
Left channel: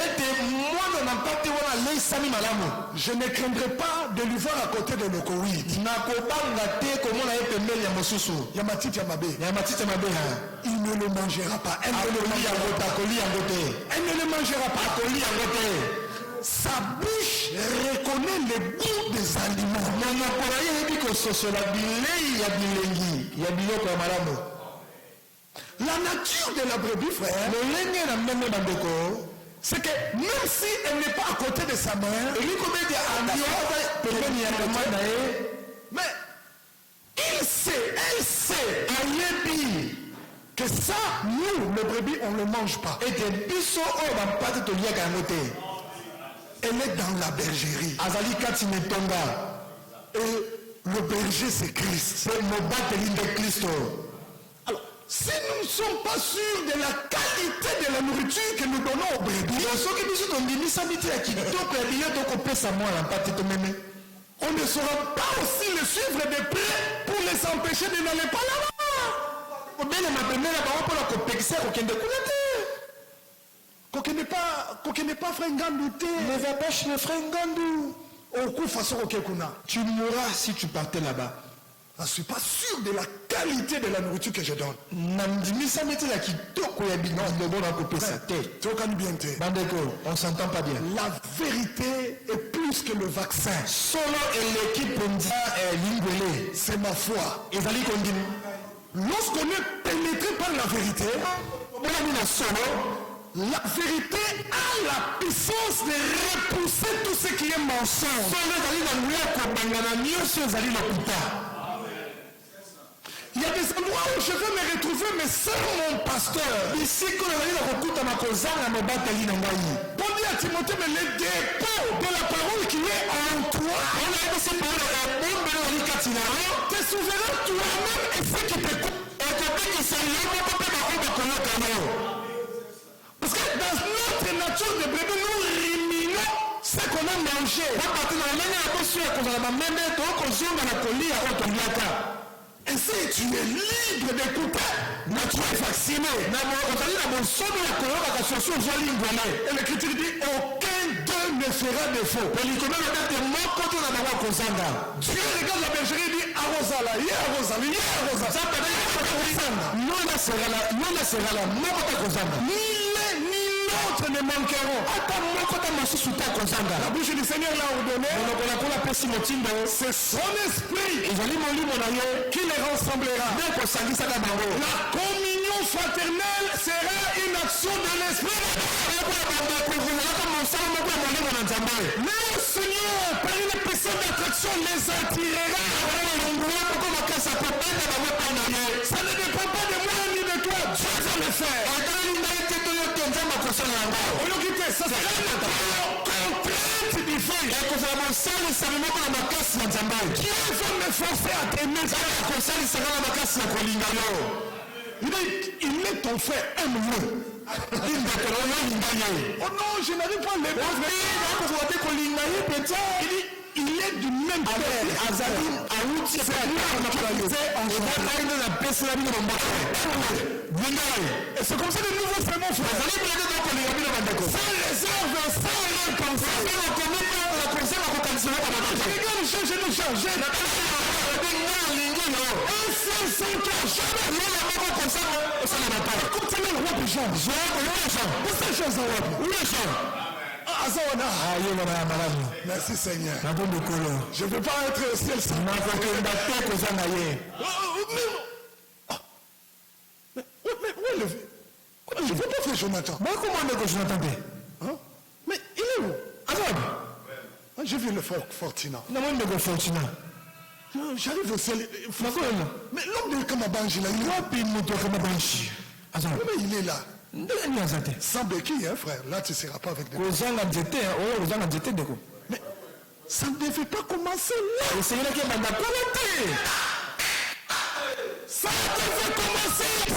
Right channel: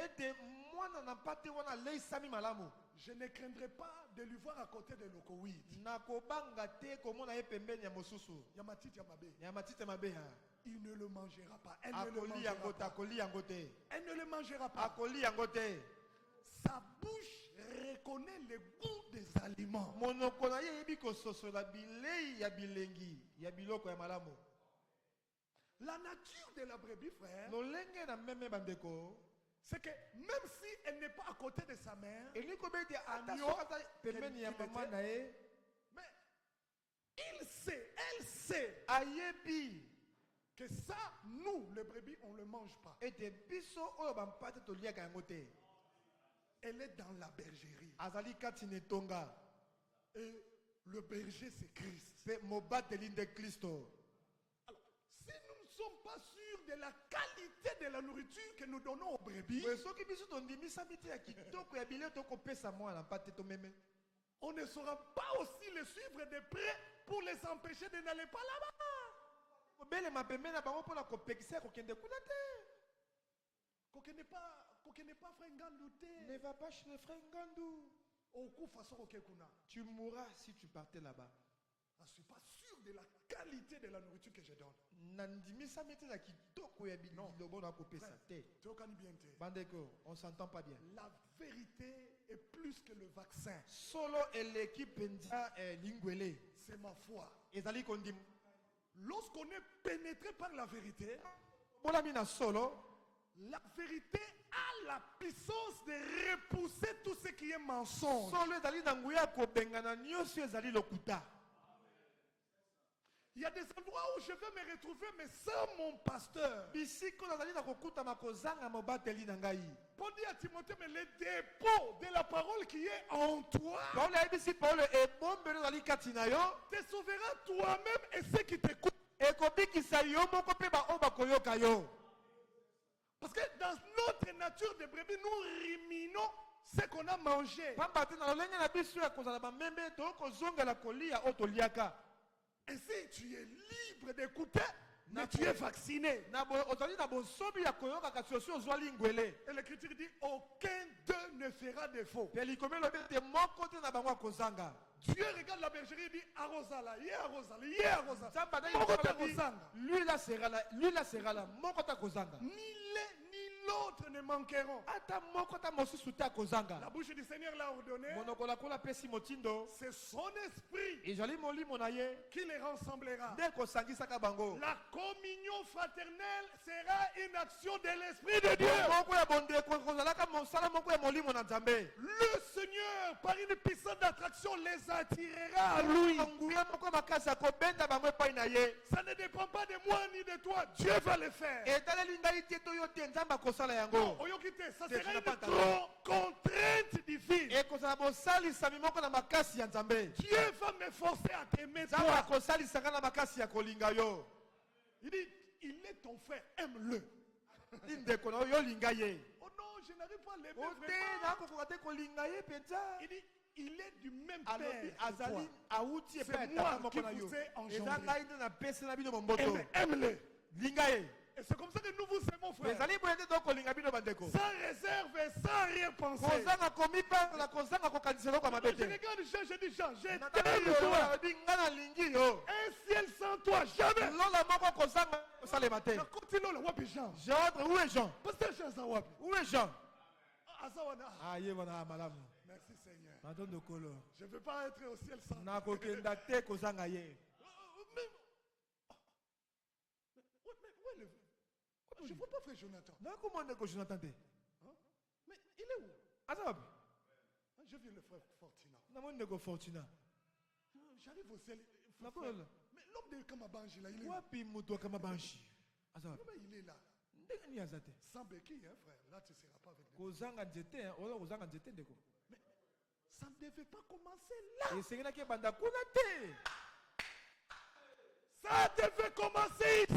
je ne craindrai pas de lui voir à côté de l'okoïd. Il ne le mangera pas. Elle ne le mangera pas. Sa bouche reconnaît le goût des aliments. La nature de la brebis, frère, c'est que même si elle n'est pas à côté de sa mère, mais elle sait, que ça, nous, le brebis, on ne le mange pas. Elle est dans la bergerie. Et le berger, c'est Christ. Alors, si nous ne sommes pas sûrs de la qualité de la nourriture que nous donnons aux brebis, on ne saura pas aussi les suivre de près pour les empêcher de n'aller pas là-bas. Tu mourras si tu partais là-bas. Je ne suis pas sûr de la qualité de la nourriture que je donne. On s'entend pas bien. La vérité est plus que le vaccin. C'est ma foi. Lorsqu'on est pénétré par la vérité, la vérité a la puissance de repousser tout ce qui est mensonge. Il y a des endroits où je veux me retrouver, mais sans mon pasteur. Pour dire à Timothée, mais le dépôt de la parole qui est en toi, te souverain toi-même et ce qui t'écoute. Parce que dans notre nature de brebis, nous ruminons ce qu'on a mangé. Ainsi, tu es libre d'écouter, mais tu es vacciné. Et l'Écriture dit, aucun d'eux ne fera défaut. Dieu regarde la bergerie et dit, arrosala, yé arrosala, yé arrosala. Ni l'un ni l'autre ne manqueront. La bouche du Seigneur l'a ordonné. C'est son esprit qui les rassemblera. La communion fraternelle sera une action de l'esprit de Dieu. Le Seigneur, par une puissance d'attraction, les attirera. Ça ne dépend pas de moi ni de toi. Dieu va le faire. Ça sera une contrainte divine. Dieu va me forcer à t'aimer. Il est ton frère, aime-le. Oh non, je n'arrive pas à l'aimer. Il est du même père. Et c'est comme ça que nous vous faisons mon frère. Sans réserve, sans récompense. Regarde, je nous change. Un seul sans cœur, jamais. Comme c'est le roi de Jean. Où c'est Jean Zawad? Où est Jean? Merci Seigneur. Je ne veux pas être au ciel sans. Je ne veux pas faire Jonathan. Mais comment est-ce que Jonathan fait? Mais il est où? J'ai vu le Fortina. J'arrive au ciel. Mais l'homme de Kamabanji là, il est où? Mais il est là. Sans béquille, hein, frère. Là, tu ne seras pas avec des. Mais ça ne devait pas commencer là. Ça devait commencer ici.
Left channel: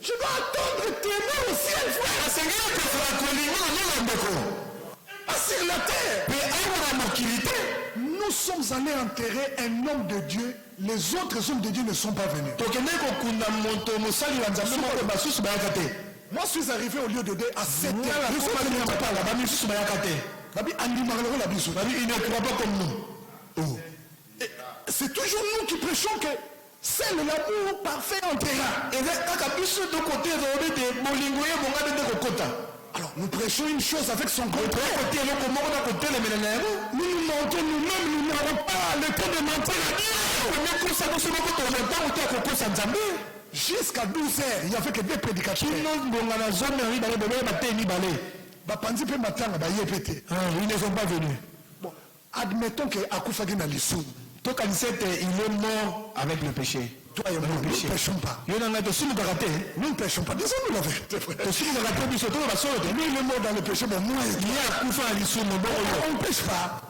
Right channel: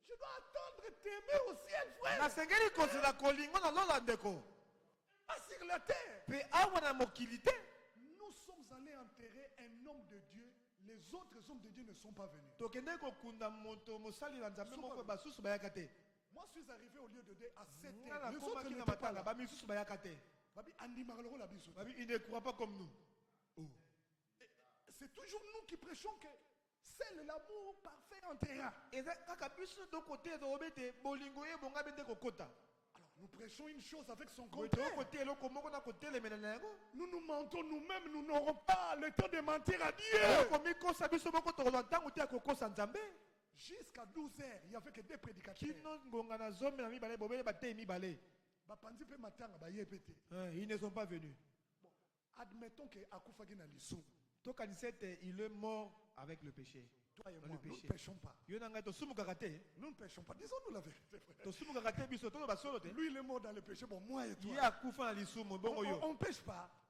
Je dois attendre t'aimer au ciel, frère. Pas sur la terre. Nous sommes allés enterrer un homme de Dieu. Les autres hommes de Dieu ne sont pas venus. Moi, je suis arrivé au lieu de Dieu à 7 heures. Il ne croit pas comme nous. C'est toujours nous qui prêchons que c'est l'amour parfait en terrain. Alors, nous prêchons une chose avec son contraire. Nous nous mentons nous-mêmes, nous n'avons pas le temps de mentir à Dieu. Jusqu'à 12 heures, il n'y avait que des prédicateurs. Ils ne sont pas venus. Bon, admettons que Akufagi n'a l'issue. Il est mort avec le péché. Toi et moi, nous ne péchons pas. Nous ne péchons pas. Disons-nous la vérité. Lui, il est mort dans le péché, mais moi, on ne pêche pas.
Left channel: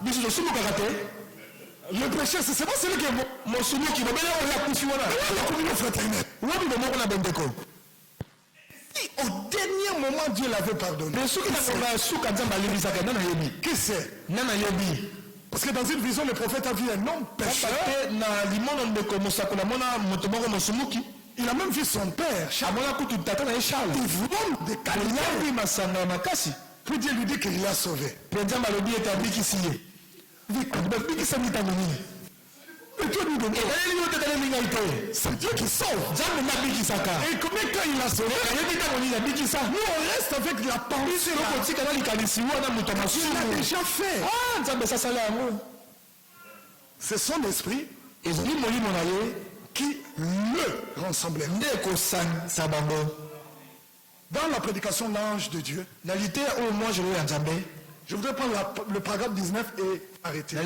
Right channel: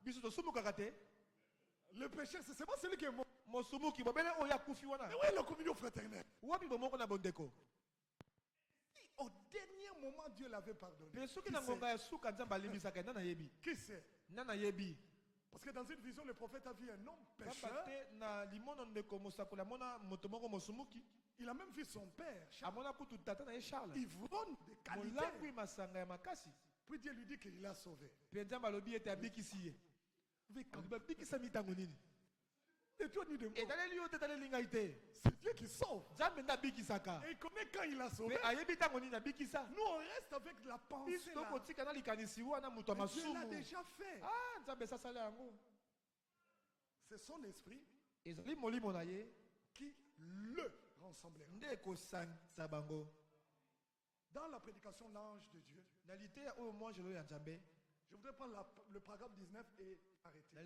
Le péché, c'est pas celui qui est mort. La communion fraternelle. Si au dernier moment, Dieu l'avait pardonné. Qui c'est? Parce que dans une vision, le prophète a vu un homme pécheur. Il a même vu son père, Charles. Il vole des calinaires. Puis Dieu lui dit qu'il l'a sauvé. C'est Dieu qui sauve. Et combien quand il a sauvé, nous on reste avec la pensée. Dieu l'a déjà fait. C'est son esprit qui le rassemblait. Dans la prédication l'ange de Dieu, je voudrais prendre le paragraphe 19 et arrêter. Je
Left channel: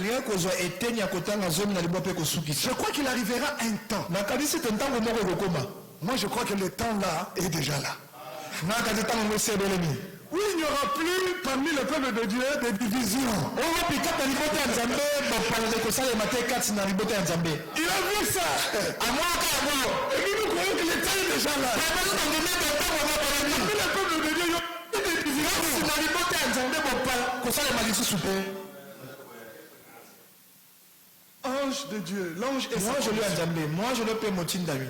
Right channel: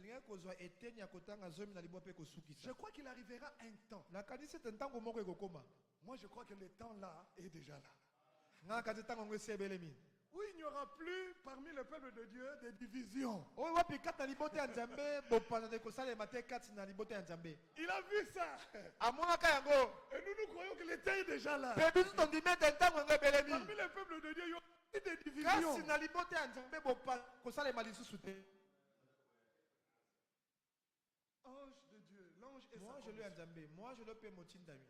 crois qu'il arrivera un temps. Moi je crois que le temps là est déjà là. Où il n'y aura plus parmi le peuple de Dieu des divisions. Il a vu ça. Et nous croyons que le temps est déjà là. Parmi le peuple de Dieu, il y a des divisions. l'ange de Dieu, l'ange est Moi, je lui ai jamais. Moi, je le paie mon tindami.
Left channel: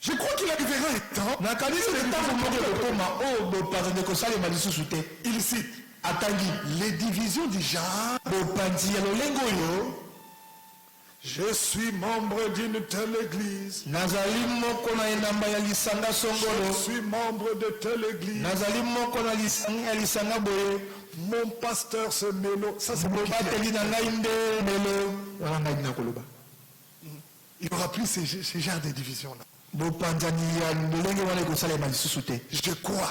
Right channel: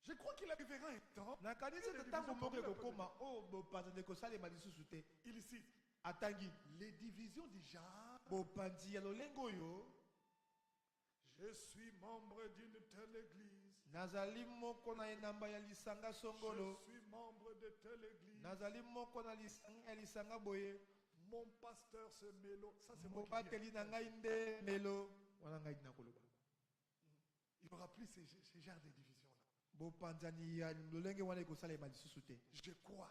Je crois qu'il arrivera un temps. Il cite les divisions du genre. Je suis membre d'une telle église. Je suis membre de telle église. Mon pasteur se mélo. Ça, c'est il n'y aura plus ces genres de divisions-là. Je crois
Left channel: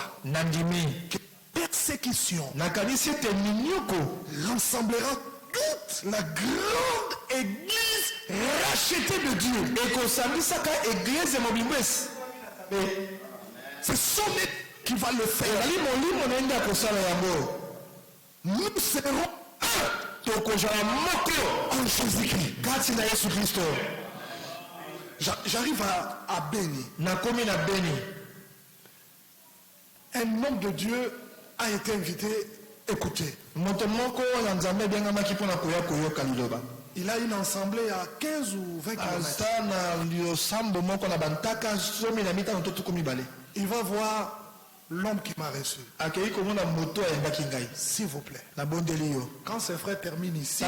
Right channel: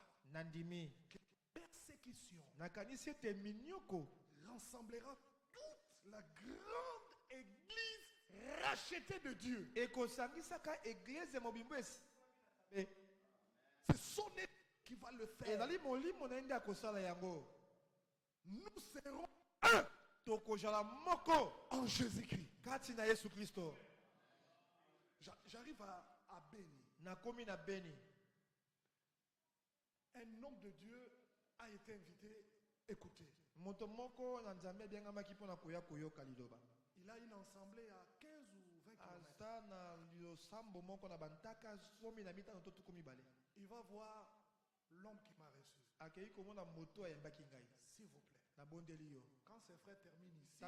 que persécution rassemblera toute la grande église rachetée de Dieu. C'est son Église qui va le faire. Nous serons un en Jésus-Christ. J'arrive à Béni. Un homme de Dieu a été invité. Écoutez. Il a une assemblée à 15 ou 20 km. Il va voir l'homme qui m'a reçu. S'il vous plaît. Quand ses frères terminent ici,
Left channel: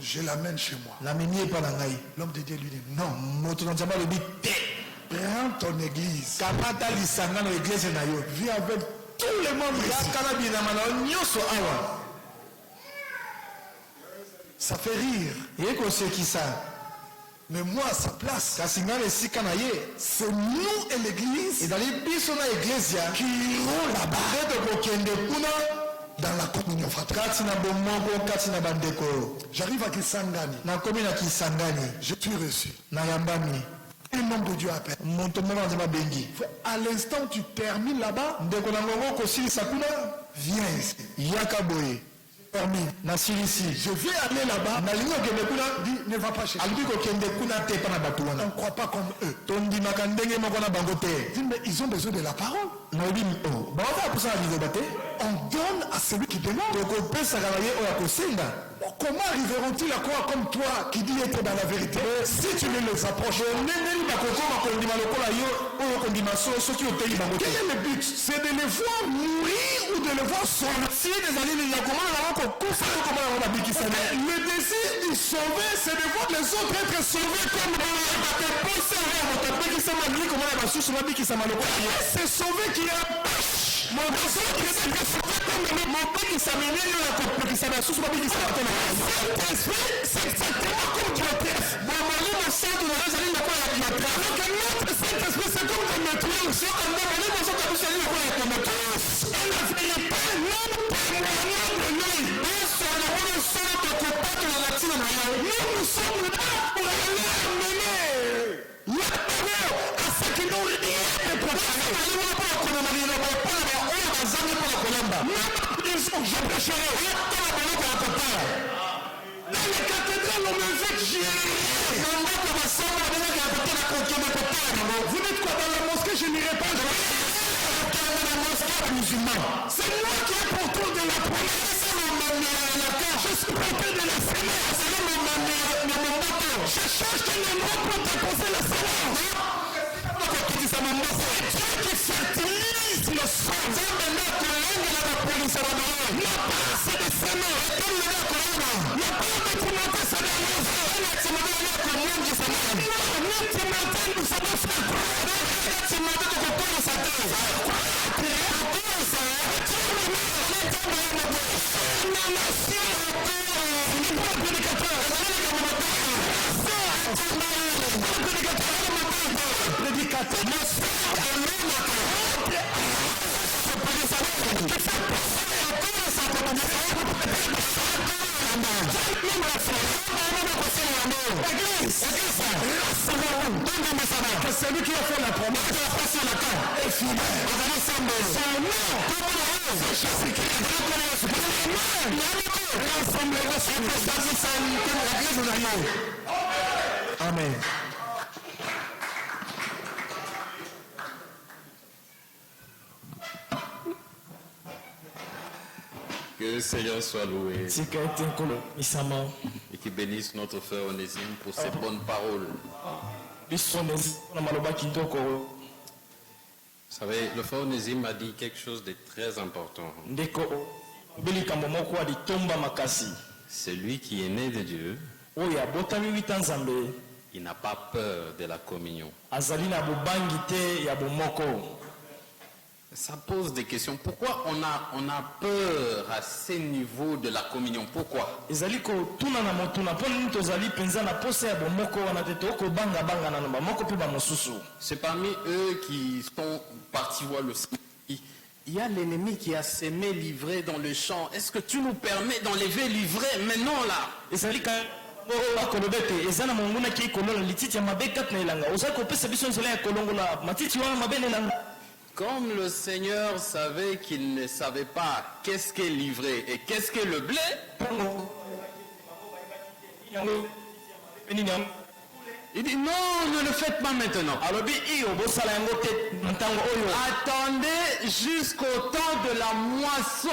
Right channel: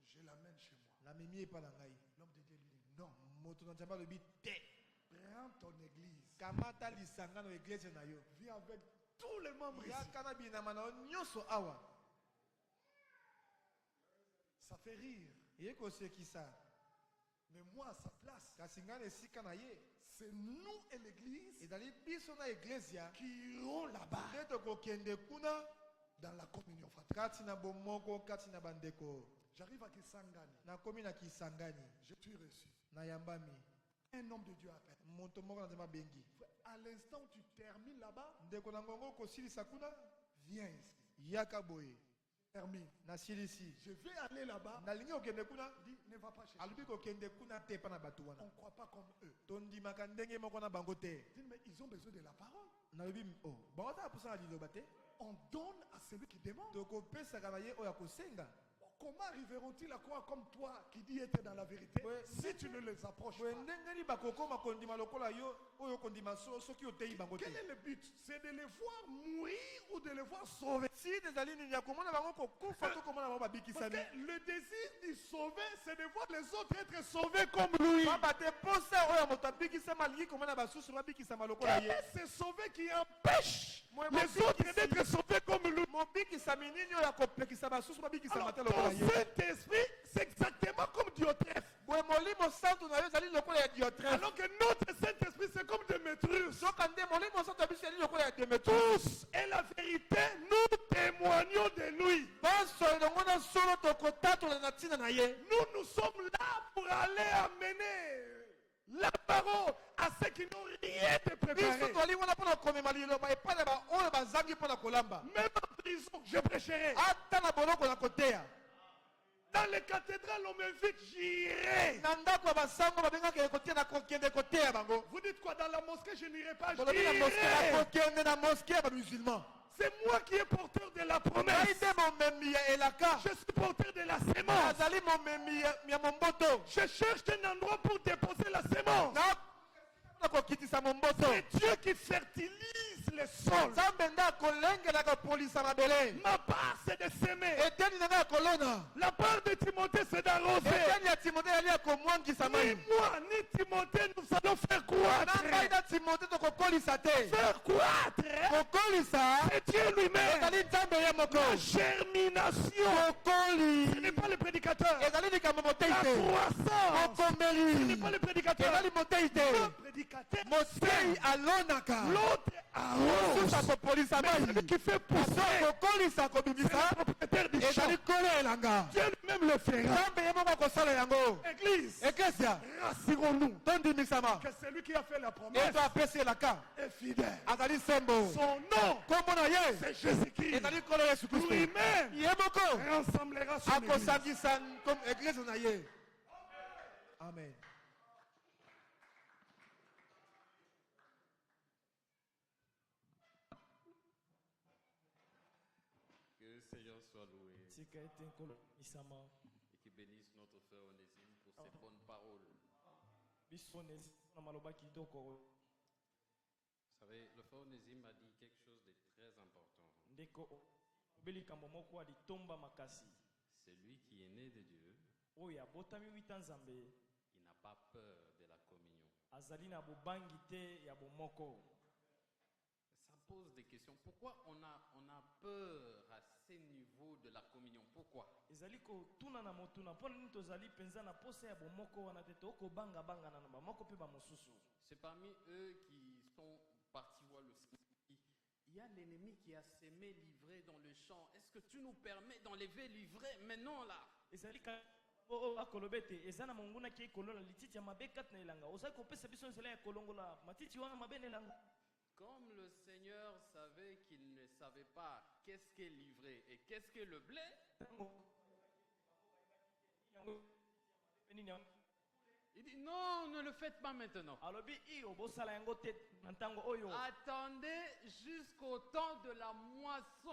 je l'amène chez moi. L'homme de Dieu lui dit non. Prends ton église. Viens avec tous les membres ici. Ça fait rire. Mais moi à sa place, c'est nous et l'église qui iront là-bas dans la communion fraternelle. J'arrive à Kisangani. Je suis reçu. Un homme de Dieu appelle. À l'instant où tu termines là-bas, viens ici. Je vais aller là-bas. Dit, ne va pas chercher. On ne croit pas comme eux. Dit, mais ils ont besoin de la parole. On donne à celui qui demande. Comment arriveront-ils à croire comme toi qui dis être dans la vérité si tu ne les approches? Quel est le but? C'est de les voir mourir ou de les voir sauver? Le désir de sauver, c'est de voir les autres être sauvés comme nous. C'est sauver qui empêche. C'est exactement comme Dieu. Saint-Esprit, c'est comme de maîtrise. Et la vérité, nous témoignons de lui. Nous sommes là pour aller amener la parole à ceux qui n'ont rien de préparé. Je prêcherai. Dans les cathédrales, on me dit que j'irai. Vous dites quoi? Dans la mosquée, je n'irai pas. C'est moi qui ai porteur de la promesse. Je suis porteur de la sémence. Je cherche un endroit pour déposer la sémence. C'est Dieu qui fertilise le sol. La part c'est de s'aimer. La part de Timothée c'est d'arroser. Nous Timothée nous savons faire croire. Que celui qui a fait la promesse est fidèle. Son nom, c'est Jésus-Christ. Rassemblera sur l'église. Amen. Que le Seigneur soit loué. Et qui bénisse notre frère Onésime pour ses bonnes paroles. biso na maloba kitoko. Vous savez, le frère Onésime a dit quelque chose de très important. Ndeko bilikambo moko alitomba makasi. C'est lui qui est né de Dieu. Oyo abotami wita nzambe. Il n'a pas peur de la communion. Azali na bobangi te ya bomoko. Ça pose des questions. Pourquoi on a peur à ce niveau de la communion? Pourquoi? Ezali ko tuna na motuna pona nini tozali penza na posa ya bomoko wana te toko banga na nomba moko pe ba mosusu. C'est parmi eux qui sont partis voir le Seigneur. Il y a l'ennemi qui a semé l'ivraie dans le champ. Est-ce que tu nous permets d'enlever l'ivraie maintenant là? Ezali ka akolobete ezana monguna ki kolola lititi ya mabe kat na elanga. Oza ko pesa biso nzola ya kolongola matiti wana mabe na elanga. Comme le Seigneur savait qu'il ne savait pas qu'est-ce qu'est l'ivraie et qu'est-ce qu'est le blé, il dit non, ne le faites pas maintenant. Attendez jusqu'au temps de la moisson.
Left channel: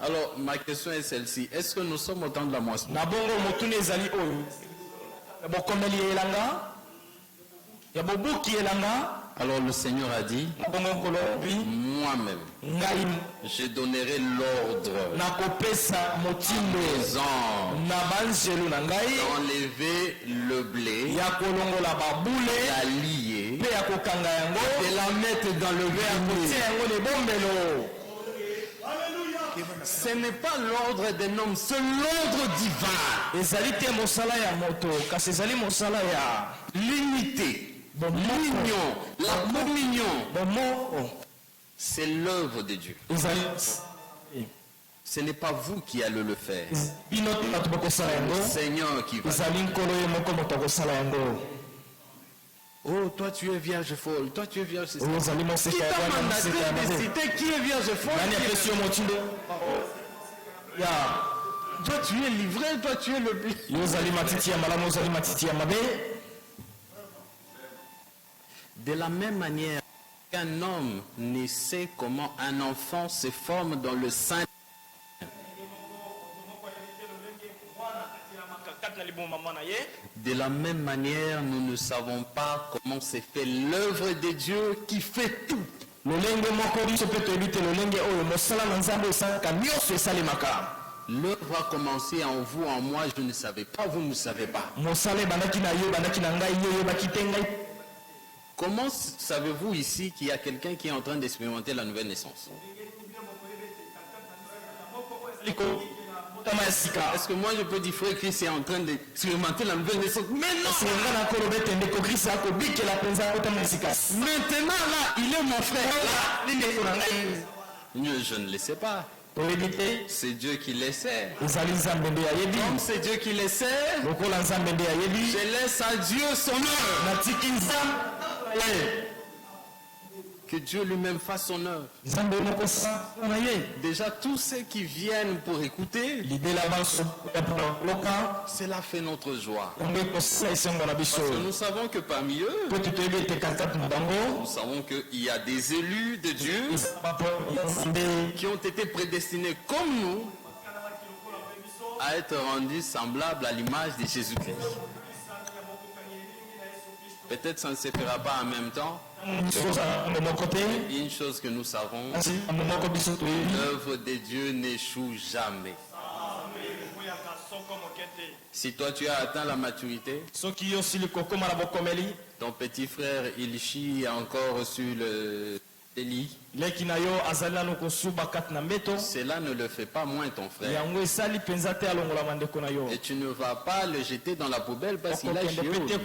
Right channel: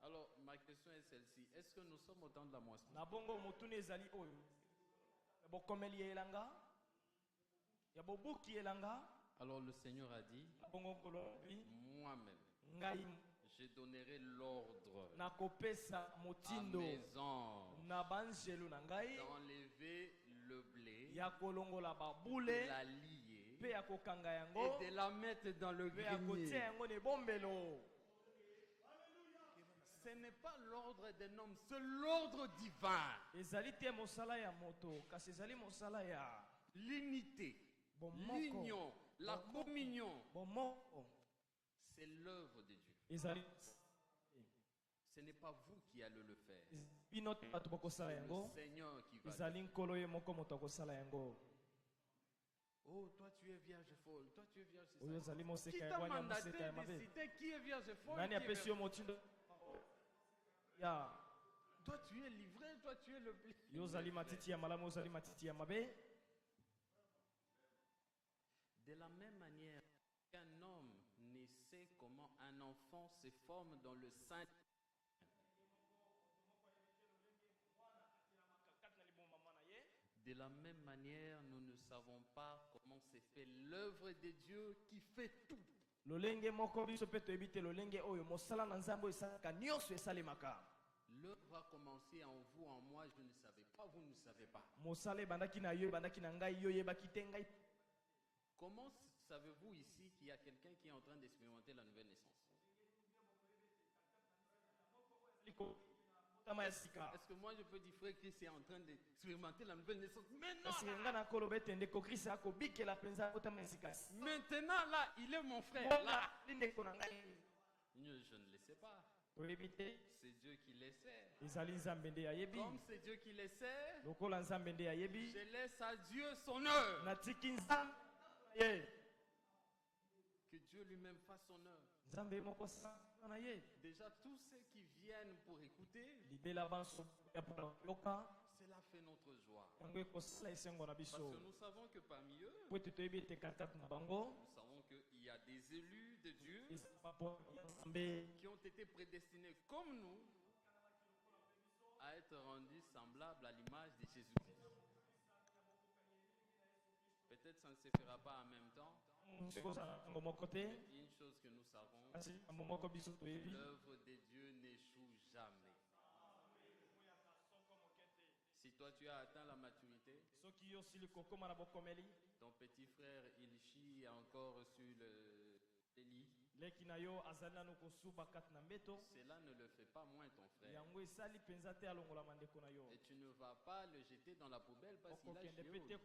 Alors ma question est celle-ci. Est-ce que nous sommes au temps de la moisson? Alors le Seigneur a dit, moi-même, je donnerai l'ordre aux anges d'enlever le blé, la lier, et la mettre dans le verre. Ce n'est pas l'ordre d'un homme, c'est l'ordre divin. L'unité. L'union, la communion, c'est l'œuvre de Dieu. Ce n'est pas vous qui allez le faire. C'est le Seigneur qui va le faire. Oh, toi tu es vierge folle, toi tu es vierge folle. Qui t'a mandaté de citer qui est vierge folle? Toi tu es livré, toi tu es le blé. De la même manière qu'un homme ne sait comment un enfant se forme dans le sein, de la même manière, nous ne savons pas comment se fait l'œuvre de Dieu qui fait tout. L'œuvre a commencé en vous, en moi, je ne savais pas, vous ne savez pas. Comment savez-vous ici qu'il y a quelqu'un qui est en train d'expérimenter la nouvelle naissance? Est-ce que moi je peux dire frère Christ est en train d'expérimenter la nouvelle naissance? Mais non! Maintenant là, il est mon frère. Là. Je ne le sais pas. C'est Dieu qui le sait. Comme c'est Dieu qui le sait, je laisse à Dieu son œuvre. Que Dieu lui-même fasse son œuvre. Déjà, tous ceux qui viennent pour écouter, cela fait notre joie. Parce que nous savons que parmi eux, nous savons qu'il y a des élus de Dieu qui ont été prédestinés comme nous à être rendus semblables à l'image de Jésus-Christ. Peut-être ça ne se fera pas en même temps. Une chose que nous savons, l'œuvre de Dieu n'échoue jamais. Si toi tu as atteint la maturité, ton petit frère Ilchi a encore reçu le délit. Cela ne le fait pas moins ton frère. Et tu ne vas pas le jeter dans la poubelle parce qu'il a échoué. C'est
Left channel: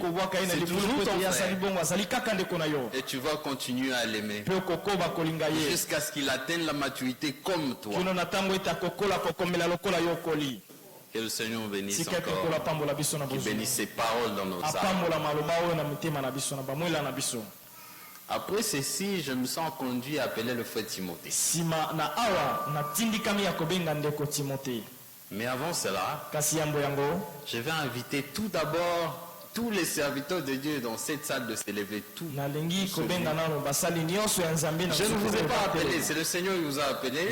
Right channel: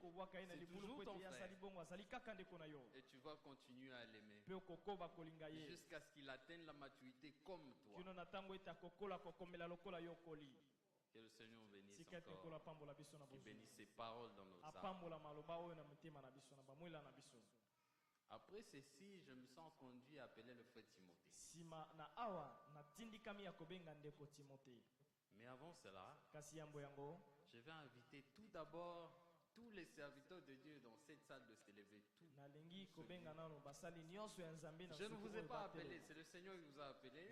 toujours ton frère. Et tu vas continuer à l'aimer jusqu'à ce qu'il atteigne la maturité comme toi. Que le Seigneur bénisse encore. Qu'il bénisse ses paroles dans nos âmes. Après ceci, je me sens conduit à appeler le frère Timothée. Mais avant cela, je vais inviter tout d'abord tous les serviteurs de Dieu dans cette salle de s'élever tout. Je ne vous ai pas appelé, c'est le Seigneur qui vous a appelé.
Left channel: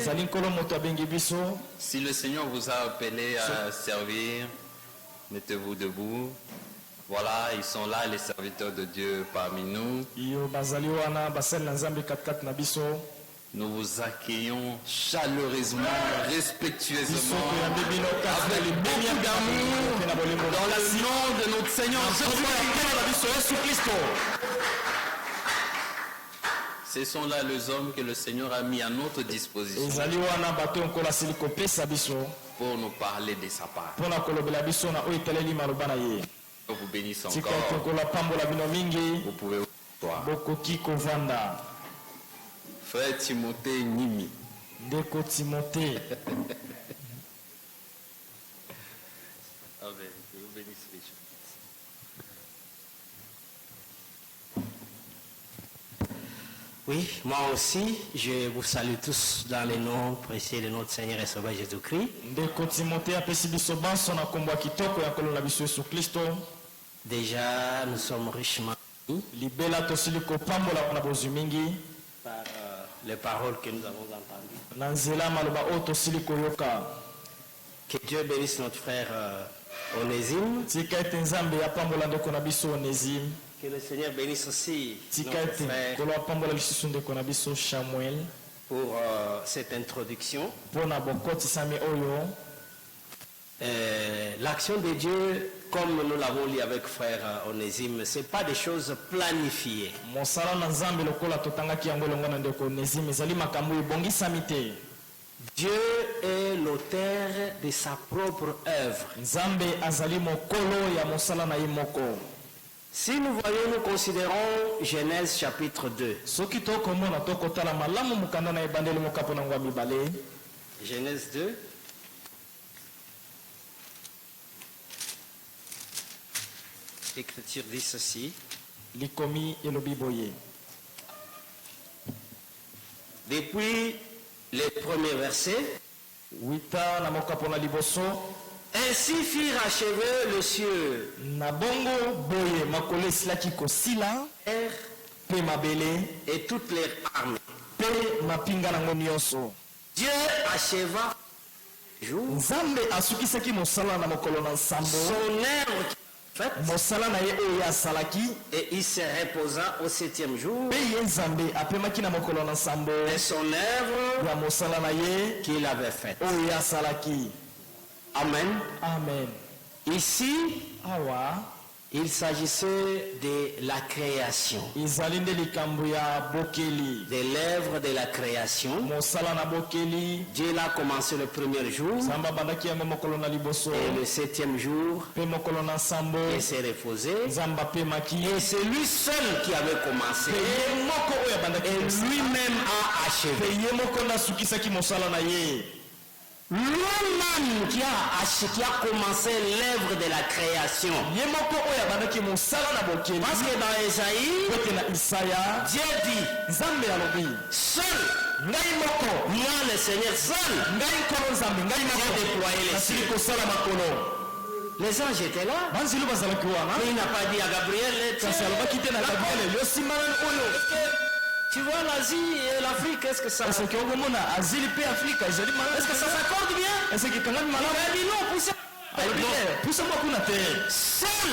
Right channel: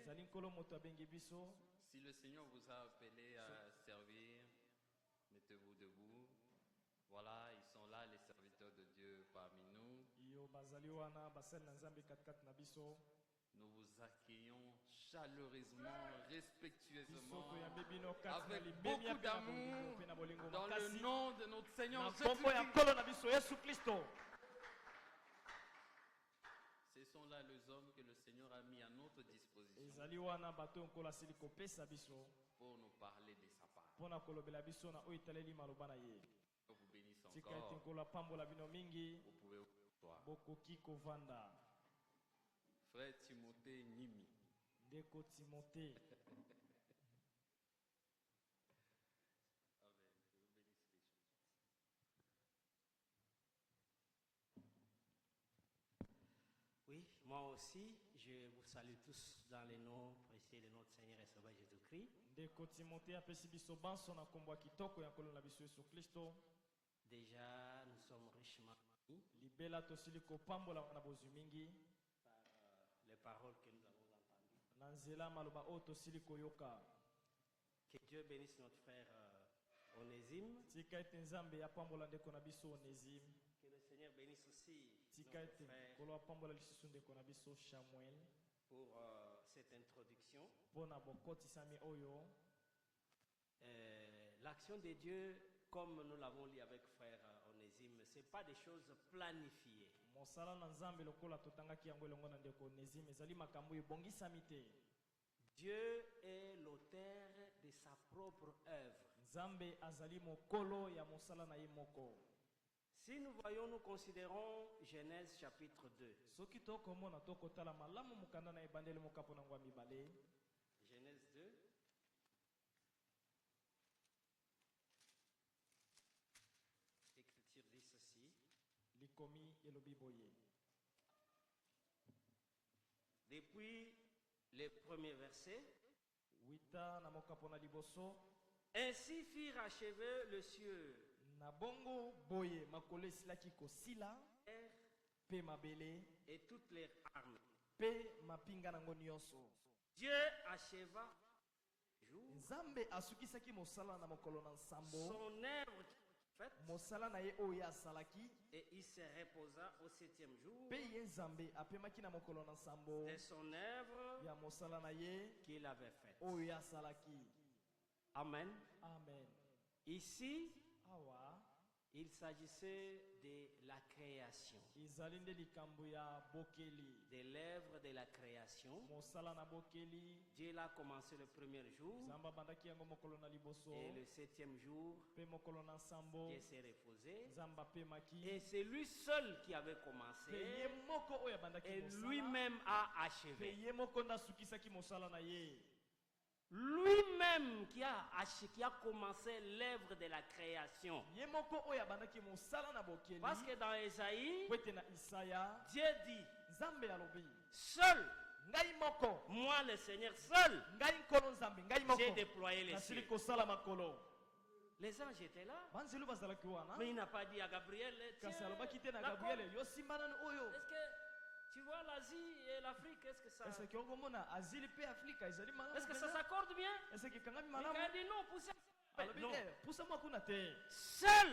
Si le Seigneur vous a appelé à servir, mettez-vous debout. Voilà, ils sont là, les serviteurs de Dieu parmi nous. Nous vous accueillons chaleureusement, respectueusement, avec beaucoup d'amour, dans le nom de notre Seigneur Jésus-Christ. Ce sont là les hommes que le Seigneur a mis à notre disposition pour nous parler de sa part. Je vous bénisse encore. Vous pouvez vous asseoir. Frère Timothée Nimi. Ndeko Timothée. Amen. Que vous bénisse les gens. Oui, moi aussi, je vous salue tous dans le nom précieux de notre Seigneur et Sauveur Jésus-Christ. Ndeko Timothée apesi biso banso na kombo ya kitoko ya kolona biso Yesu Kristo. Déjà, nous sommes richement libela tosili kopambola na bozwi mingi par les paroles que nous avons entendues. Na nzela maloba oyo tosili koyoka. Que Dieu bénisse notre frère Onésime. Tika ete Nzambe apambola ndeko na biso Onésime. Que le Seigneur bénisse aussi Tika notre ete frère kolo apambola lisusu ndeko na biso Samuel pour cette introduction. mpona bokotisami oyo. L'action de Dieu, comme nous l'avons lu avec frère Onésime, ce n'est pas des choses planifiées. Mosala na Nzambe lokola totangaki yango elongo na ndeko Onésime ezali makambo ebongisami te. Dieu est l'auteur de sa propre œuvre. Nzambe azali mokolo ya mosala na ye moko. Si nous voyons, nous considérons Genèse chapitre 2. Soki tokomona tokotala malamu mukanda na ebandeli mokapo na ngwa mibale. Genèse 2. L'Écriture dit ceci. Likomi elobi boye. Depuis les premiers versets, Wita na mokapo na liboso. ainsi firent achever le cieux, Na bongo boye makolo esilaki kosila terre pe mabele et toutes les armes. pe mapinga nango nyonso. Dieu acheva le jour Nzambe asukisaki mosala na mokolo na nsambo. son œuvre faite Mosala na ye oyo asalaki et il se reposa au septième jour. pe ye Nzambe apemaki na mokolo na nsambo Et son œuvre ya mosala na ye qu'il avait faite. oyo asalaki. Amen. Amen. Ici, Awa il s'agissait de la création, ezali nde likambo ya bokeli. de l'œuvre de la création. Mosala na bokeli Dieu l'a commencé le premier jour Nzambe abandaki yango mokolo na liboso et le septième jour, pe mokolo na nsambo il s'est reposé. Nzambe apemaki Et c'est lui seul qui avait commencé. pe ye moko oyo abandaki Et mosala. lui-même a pe achevé. ye moko nde asukisaki mosala na ye. Lui-même qui a commencé l'œuvre de la création. Ye moko oyo abandaki mosala na bokeli. Parce que dans Esaïe, Kote na Isaya Dieu dit, Nzambe alobi seul, ngai moko moi le Seigneur, seul, ngai nkolo Nzambe ngai j'ai moko déployé les nasili cieux. kosala makolo. Les anges étaient là. banzelu bazalaki wana Mais il n'a pas dit à Gabriel, kasi alobaki te na Gabriel yosimbanani oyo. tu vois l'Asie et l'Afrique, est-ce que ça... Est-ce que ongomona azili pe Afrika ezali malamu? Est-ce que ça s'accorde bien? Est-ce que kangami Il malamu? a dit non, poussez. Alobi te pusa moko kuna te. Seul,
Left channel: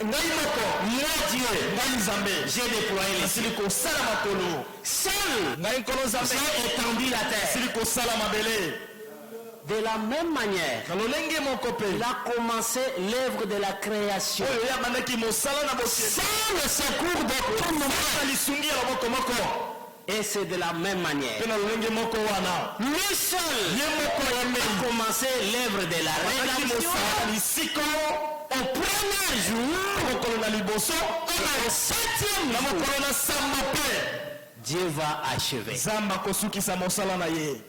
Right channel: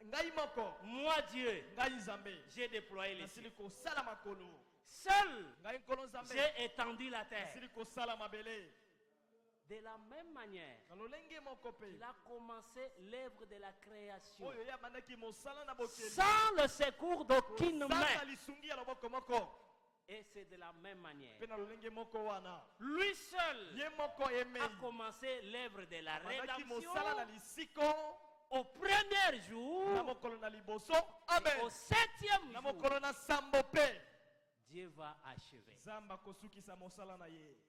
Ngai moko moi Dieu, ngai Nzambe j'ai déployé les cieux. nasili kosala makolo. Seul, Ngai nkolo Nzambe j'ai étendu la terre. nasili kosala mabele. De la même manière, Na lolenge moko pe il a commencé l'œuvre de la création. oyo ye abandaki mosala na bokeli. Sans le secours de tout le monde. Ata lisungi ya loboko moko Et c'est de la même manière. pe na lolenge moko wana Lui seul ye moko a yemeli commencé l'œuvre de la abandaki rédemption mosala na lisiko au premier jour. na mokolo na liboso Et au septième na jour, mokolo na sambo pe Dieu va achever. Nzambe akosukisa mosala na ye.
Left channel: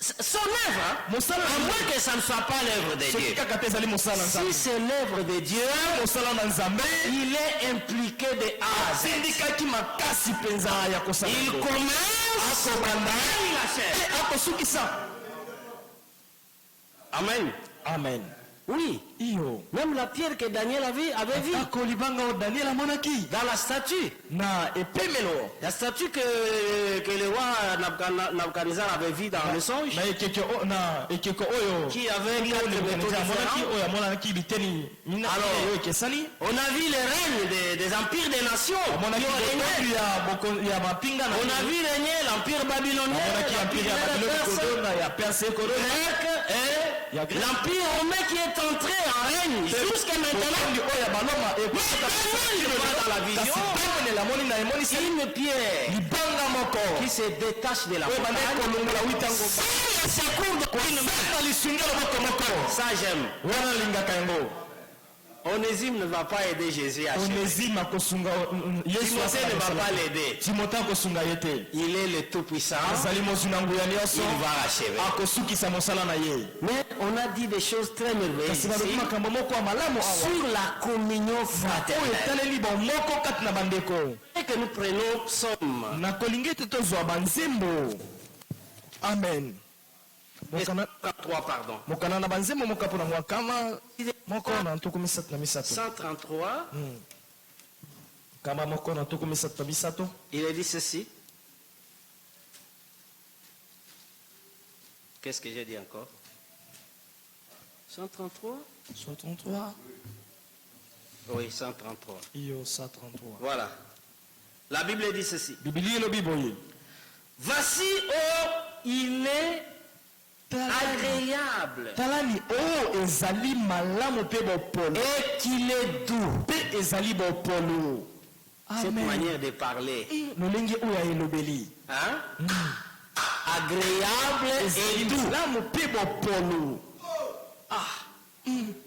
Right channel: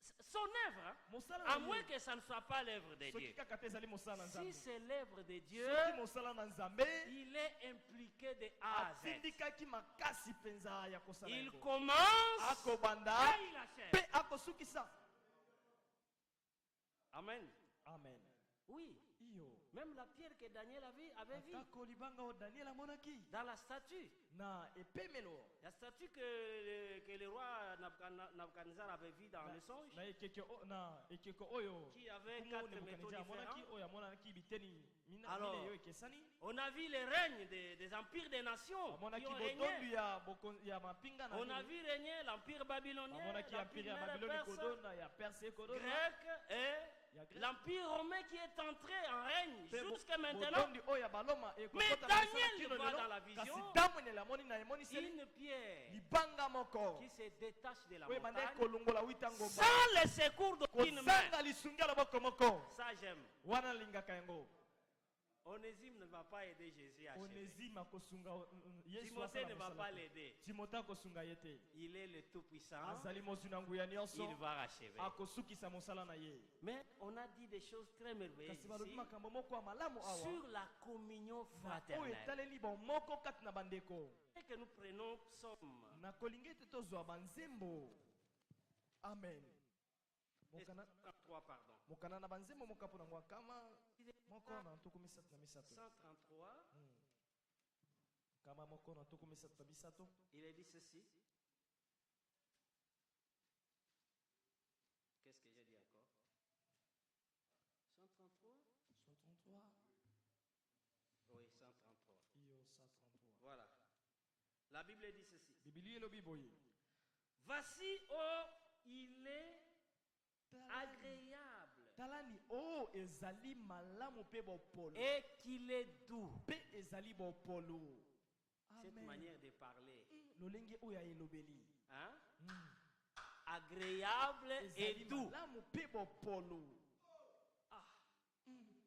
Son œuvre, Mosala à na moins que ça ne soit pas l'œuvre de soki Dieu. kaka te ezali mosala na Si Nzambe. c'est l'œuvre de Dieu, Mosala na Nzambe il est impliqué de A à Z. asindikaki makasi mpenza ya kosala Il yango. commence, akobanda il achève. pe akosukisa. Amen. Amen. Oui. iyo Même la pierre que Daniel avait vue ako libanga o Daniel amonaki dans la statue. na epemelo La statue que le roi Nabucodonosor avait vue dans le songe, na ekeko oyo qui avait 4 métaux amonaki différents. oyo amonaki biteni mina Alors, oyo ekesani On a vu les règnes des empires des nations amonaki qui ont régné. ya mapinga na On a vu régner l'empire babylonien, amonaki empire ya l'empire Babylone perse, kodona ya Perse kodona grec et Ya grec. l'empire romain qui est entré en règne jusqu'à maintenant. bokondi oyo ya baloma Daniel voit dans la vision ntango nelamoni na emonisi une pierre libanga moko qui se détache de la oyo bande montagne kolongola witango sans le secours d'aucune main. kozanga lisungi ya loboko moko Ça j'aime. wana nalingaka yango Onésime ne va pas aider Jésus à achever. onésime akosunga yesu Timothée ne va pas l'aider. timote akosunga ye te Il est le tout-puissant. azali mozwi na nguya nyonso Il va achever. akosukisa mosala na ye Mais on a dit des choses très merveilleuses kasi balobi ici makambo moko ya malamu awa sur la communion oyo fraternelle. etaleli bomoko kati na bandeko Et que nous prenons psaume. nakolingi ete tozwa banzembo amen mokana na banzembo moka mpona mwakama moko na ntuku misato na misato 133, kama moko na ntuku misato na misato il est dit ceci. Qu'est-ce que j'ai dit encore? 133? 133 Oui, 133. iyo 133 Voilà. La Bible dit ceci. biblia elobi boye Voici, oh, il est agréable talani oyo ezali malamu mpe bopolo et qu'il est doux. mpe ezali bopolo Cette manière de parler. lolenge oyo ya elobeli Hein? Agréable et ezali doux. malamu mpe bopolo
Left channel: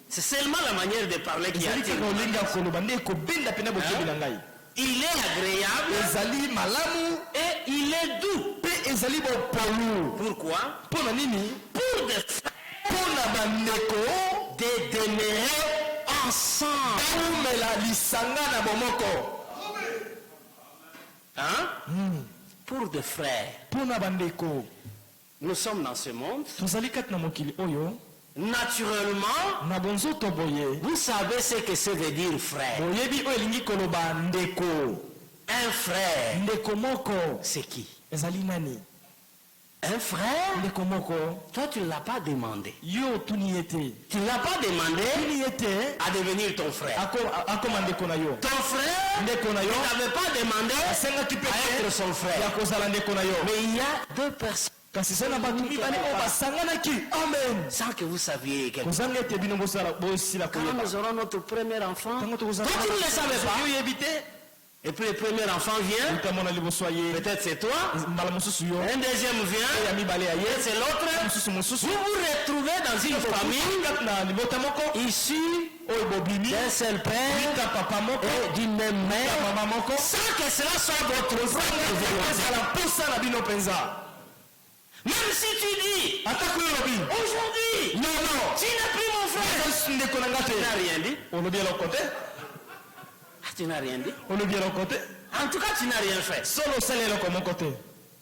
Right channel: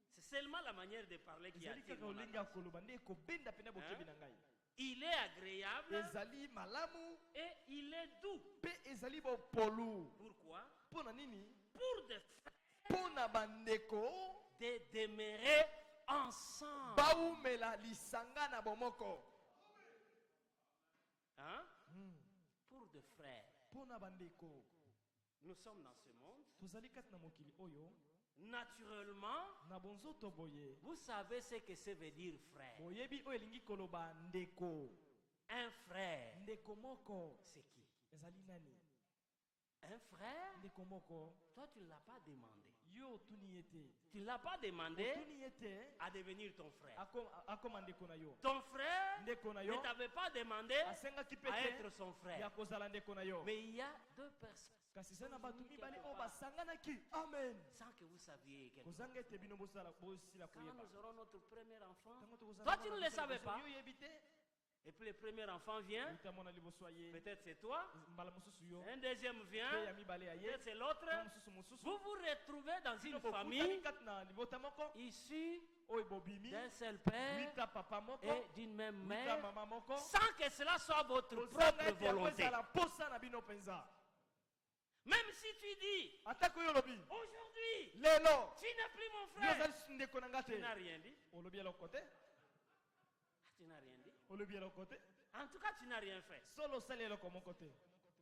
C'est seulement la manière de parler qui ezali attire. kaka olenge ya koloba nde ekobenda mpena bokebi na ngai Il est agréable ezali malamu et il est doux. mpe ezali bopolo Pourquoi? mpo na nini Pour des frères mpo na bandeko de demeurer ensemble. baumela lisanga na bomoko Hein? Pour des frères. mpo na bandeko Nous sommes dans ce monde. tozali kati na mokili oyo Naturellement, na bonzoto boye vous savez ce que ça veut dire frère. boyebi oyo elingi koloba ndeko Un frère, ndeko moko c'est qui? ezali nani Un frère? ndeko moko Toi, tu ne l'as pas demandé. yo tuni ye te Tu ne l'as pas demandé tuni ye te à devenir ton frère. akoma ndeko na yo Ton frère ndeko na yo ne t'avait pas demandé asengaki mpe à être te son ya frère. kozala ndeko na yo Mais il y a deux personnes kasi se na bato mibale oyo basanganaki amen sans que vous saviez quelque chose. kozanga ete bino bosila Quand koyeba nous aurons notre premier enfant, ntango toi tu ne le savais pas. oyebi te Et puis le premier enfant vient, utamona liboso ya ye peut-être c'est toi. mbala mosusu yo Un deuxième oyo vient, ya mibale ya ye peut-être c'est l'autre. mosusu mosusu Vous vous retrouvez dans une famille kati na libota moko issue oyo bobimi d'un seul père ka papa moko et d'une même ka mère, mama moko sans que cela soit votre propre volonté. ezala mposa na bino mpenza Même si tu dis, atako oyo olobi aujourd'hui, nono tu n'es plus mon frère. ndeko na nga te Tu n'as rien dit. olobi eloko te Tu n'as rien dit. olobi eloko te En tout cas, tu n'as rien fait. solo osala eloko moko te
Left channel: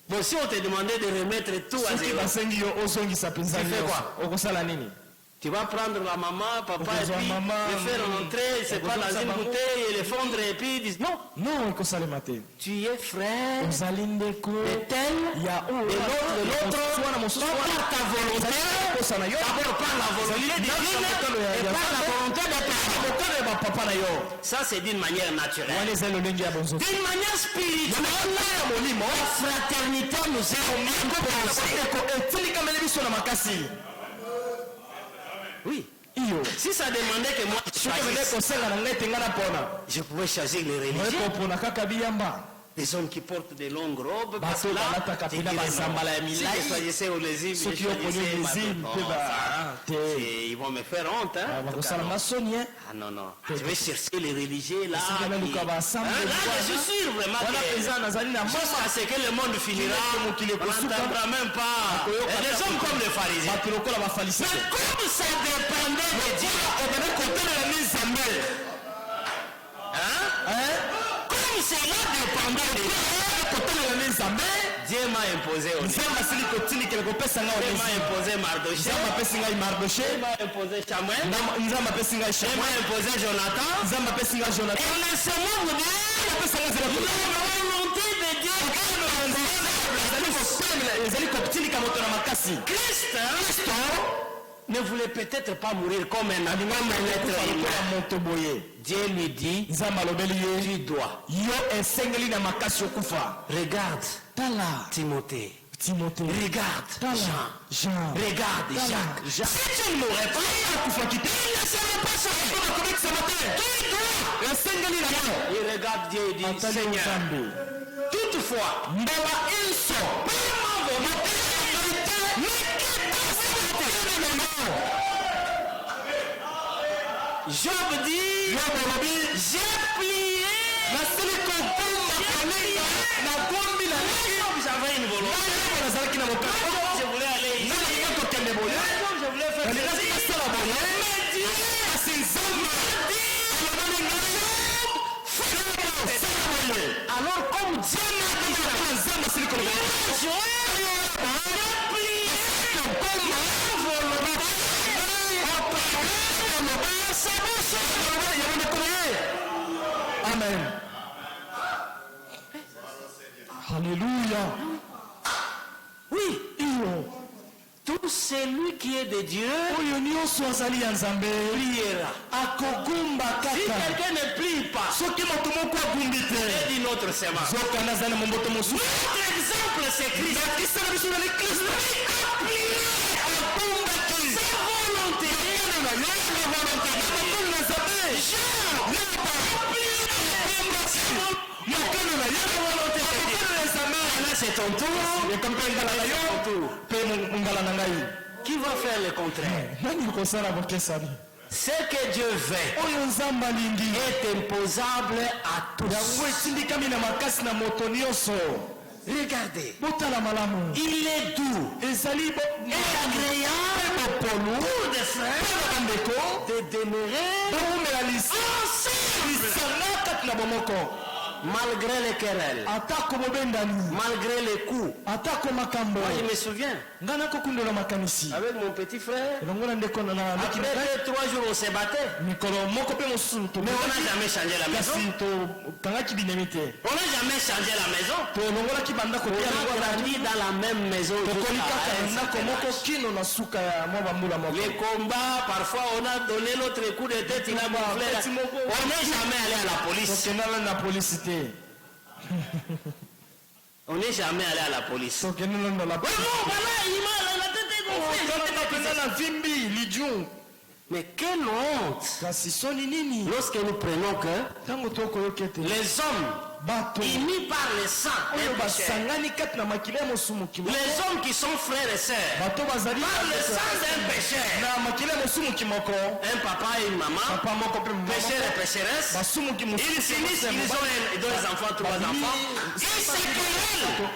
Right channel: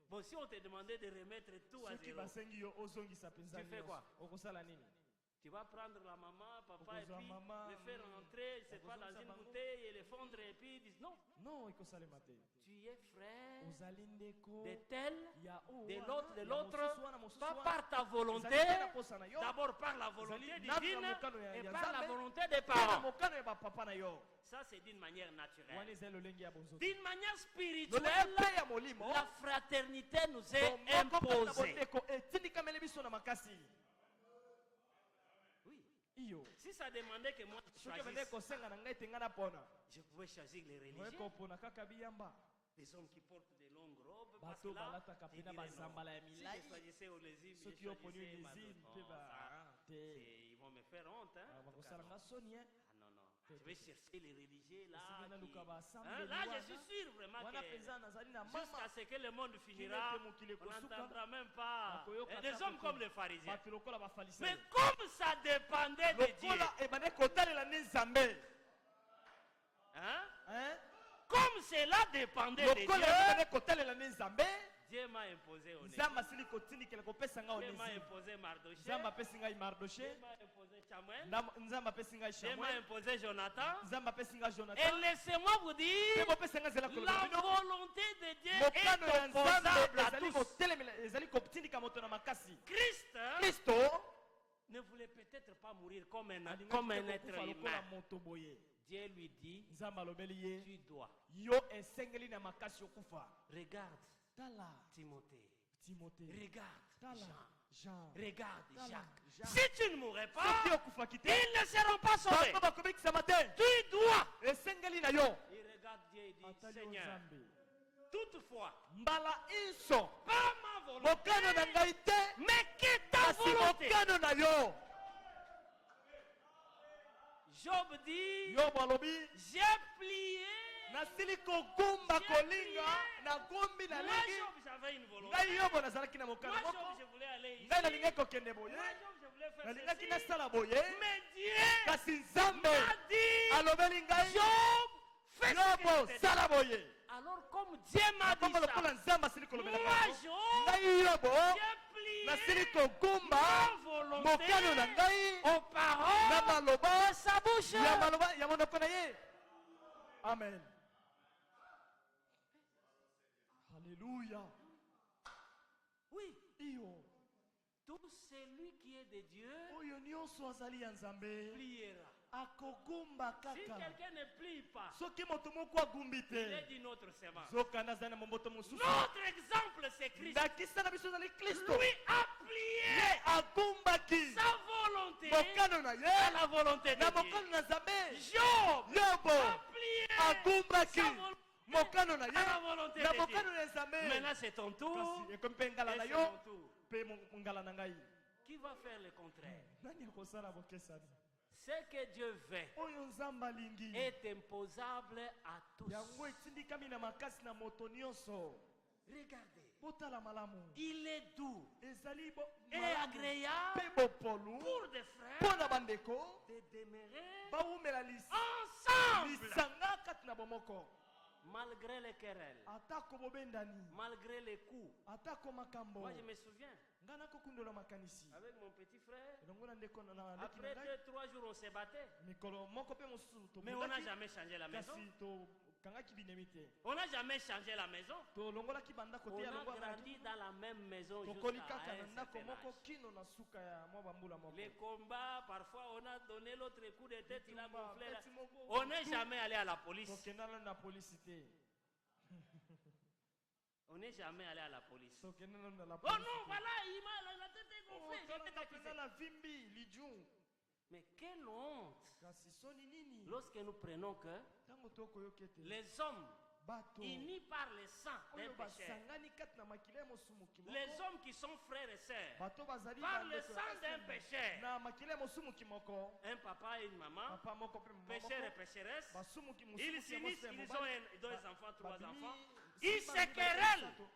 Bon, si on te demandait de remettre tout à soki zéro, basengi yo ozongisa mpenza Tu fais nyonso, quoi? okosala nini tu vas prendre la maman, papa, et Okozwa puis maman, le faire rentrer, c'est pas dans okozwa une bango. bouteille, et le fondre, et puis dire non, non ekosalema te tu es frère ozali ndeko de tel, ya de l'autre, de l'autre, pas par ta volonté, posa na yo d'abord par la volonté divine, et par la volonté de ton mokano ya bapapa na yo Ça, c'est d'une manière naturelle. wana ezali lolenge ya bonzoto D'une manière spirituelle, la fraternité nous est imposée. ndeko etilikameli biso na makasi Oui. iyo Si ça demandait que moi je soki ebende choisisse, kosenga na ngai te ngai napona je pouvais choisir les oye religieux. kopona kaka biyamba Des hommes qui portent des longues robes, parce bato que là, balataka tu mpena dirais bazambala ya non. Si je milai choisissais Onésime, je soki oponi choisissais ezime mpe te ils vont me faire honte. Hein, en tout cas, bakosala non. masoni Ah non, non. Je vais chercher les religieux là. Esika baluka Hein, basambe là, je suis sûr vraiment wana que mpenza nazali na mama jusqu'à ce que le monde finira, on n'entendra même pas. Et des hommes comme les pharisiens. bato lokola bafarisien Mais comme ça dépendait de Dieu, ebende kotalela ni nzambe hein? Comme cela dépendait de Dieu, kotalela ni nzambe Dieu m'a imposé Onesi. Dieu m'a imposé Mardoché. Dieu m'a imposé Samuel. Dieu m'a imposé Jonathan. Et laissez-moi vous dire, la volonté de Dieu. Christ ne voulait peut-être pas mourir comme un être humain. Dieu lui dit, tu dois. Regarde Timothée. Regarde Jean. Regarde Jacques. Si tu ne mourrais pas, il ne sera pas sauvé. Tu dois. Il regarde Dieu et dit, Seigneur, toutefois, par ma volonté, Job dit, j'ai plié. J'avais une volonté. Je voulais aller ici. Je voulais faire ceci. Mais Dieu, alors comme Dieu m'a dit ça, j'ai plié. Amen. Alléluia. Oui. Tout celui qui est de Dieu priera. Si quelqu'un ne prie pas, c'est d'une autre semence. Notre exemple, c'est Christ. Lui a plié sa volonté. La volonté de Dieu. Là, c'est ton tour. Qui va faire le contraire? Ce que Dieu veut est imposable à tous. Regardez. Il est doux et agréable pour des frères de demeurer ensemble. Malgré les querelles, malgré les coups. Moi je me souviens, avec mon petit frère, après 3 jours on s'est battu, mais on n'a jamais changé la maison. On n'a jamais changé la maison. On a grandi dans la même maison. Les combats, parfois on a donné l'autre coup de tête, il a gonflé. On n'est jamais allé à la police. On n'est jamais allé à la police. Voilà, il m'a la tête est gonflée. Mais quelle honte lorsque nous prenons que les hommes unis par le sang, les hommes qui sont frères et sœurs, par le sang d'un pécheur, un papa et une maman, pécheur et pécheresse, ils finissent, ils ont 2 enfants, 3 enfants, ils se querellent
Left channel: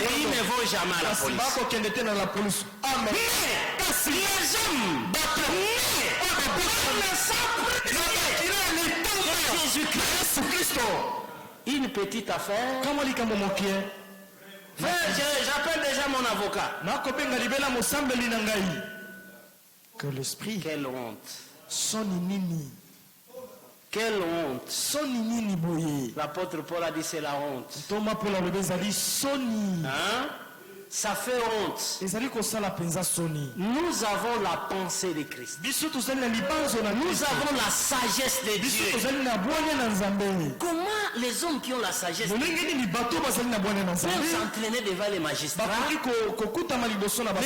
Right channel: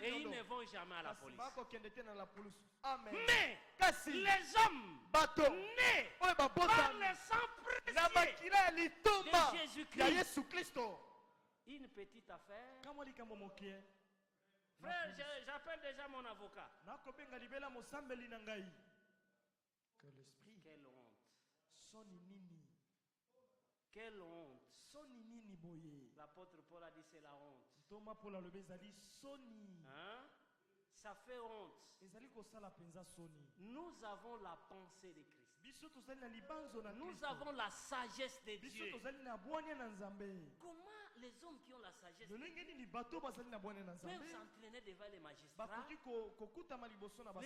et ils ne vont jamais à la police. Mais les hommes Jésus-Christ, une petite affaire. Frère, j'appelle déjà mon avocat. Que l'esprit. Quelle honte. Quelle honte. L'apôtre Paul a dit c'est la honte. Hein? Ça fait honte. Nous avons la pensée de Christ. Nous avons la sagesse de Dieu. Comment les hommes qui ont la sagesse de Dieu peuvent s'entraîner devant les magistrats? Les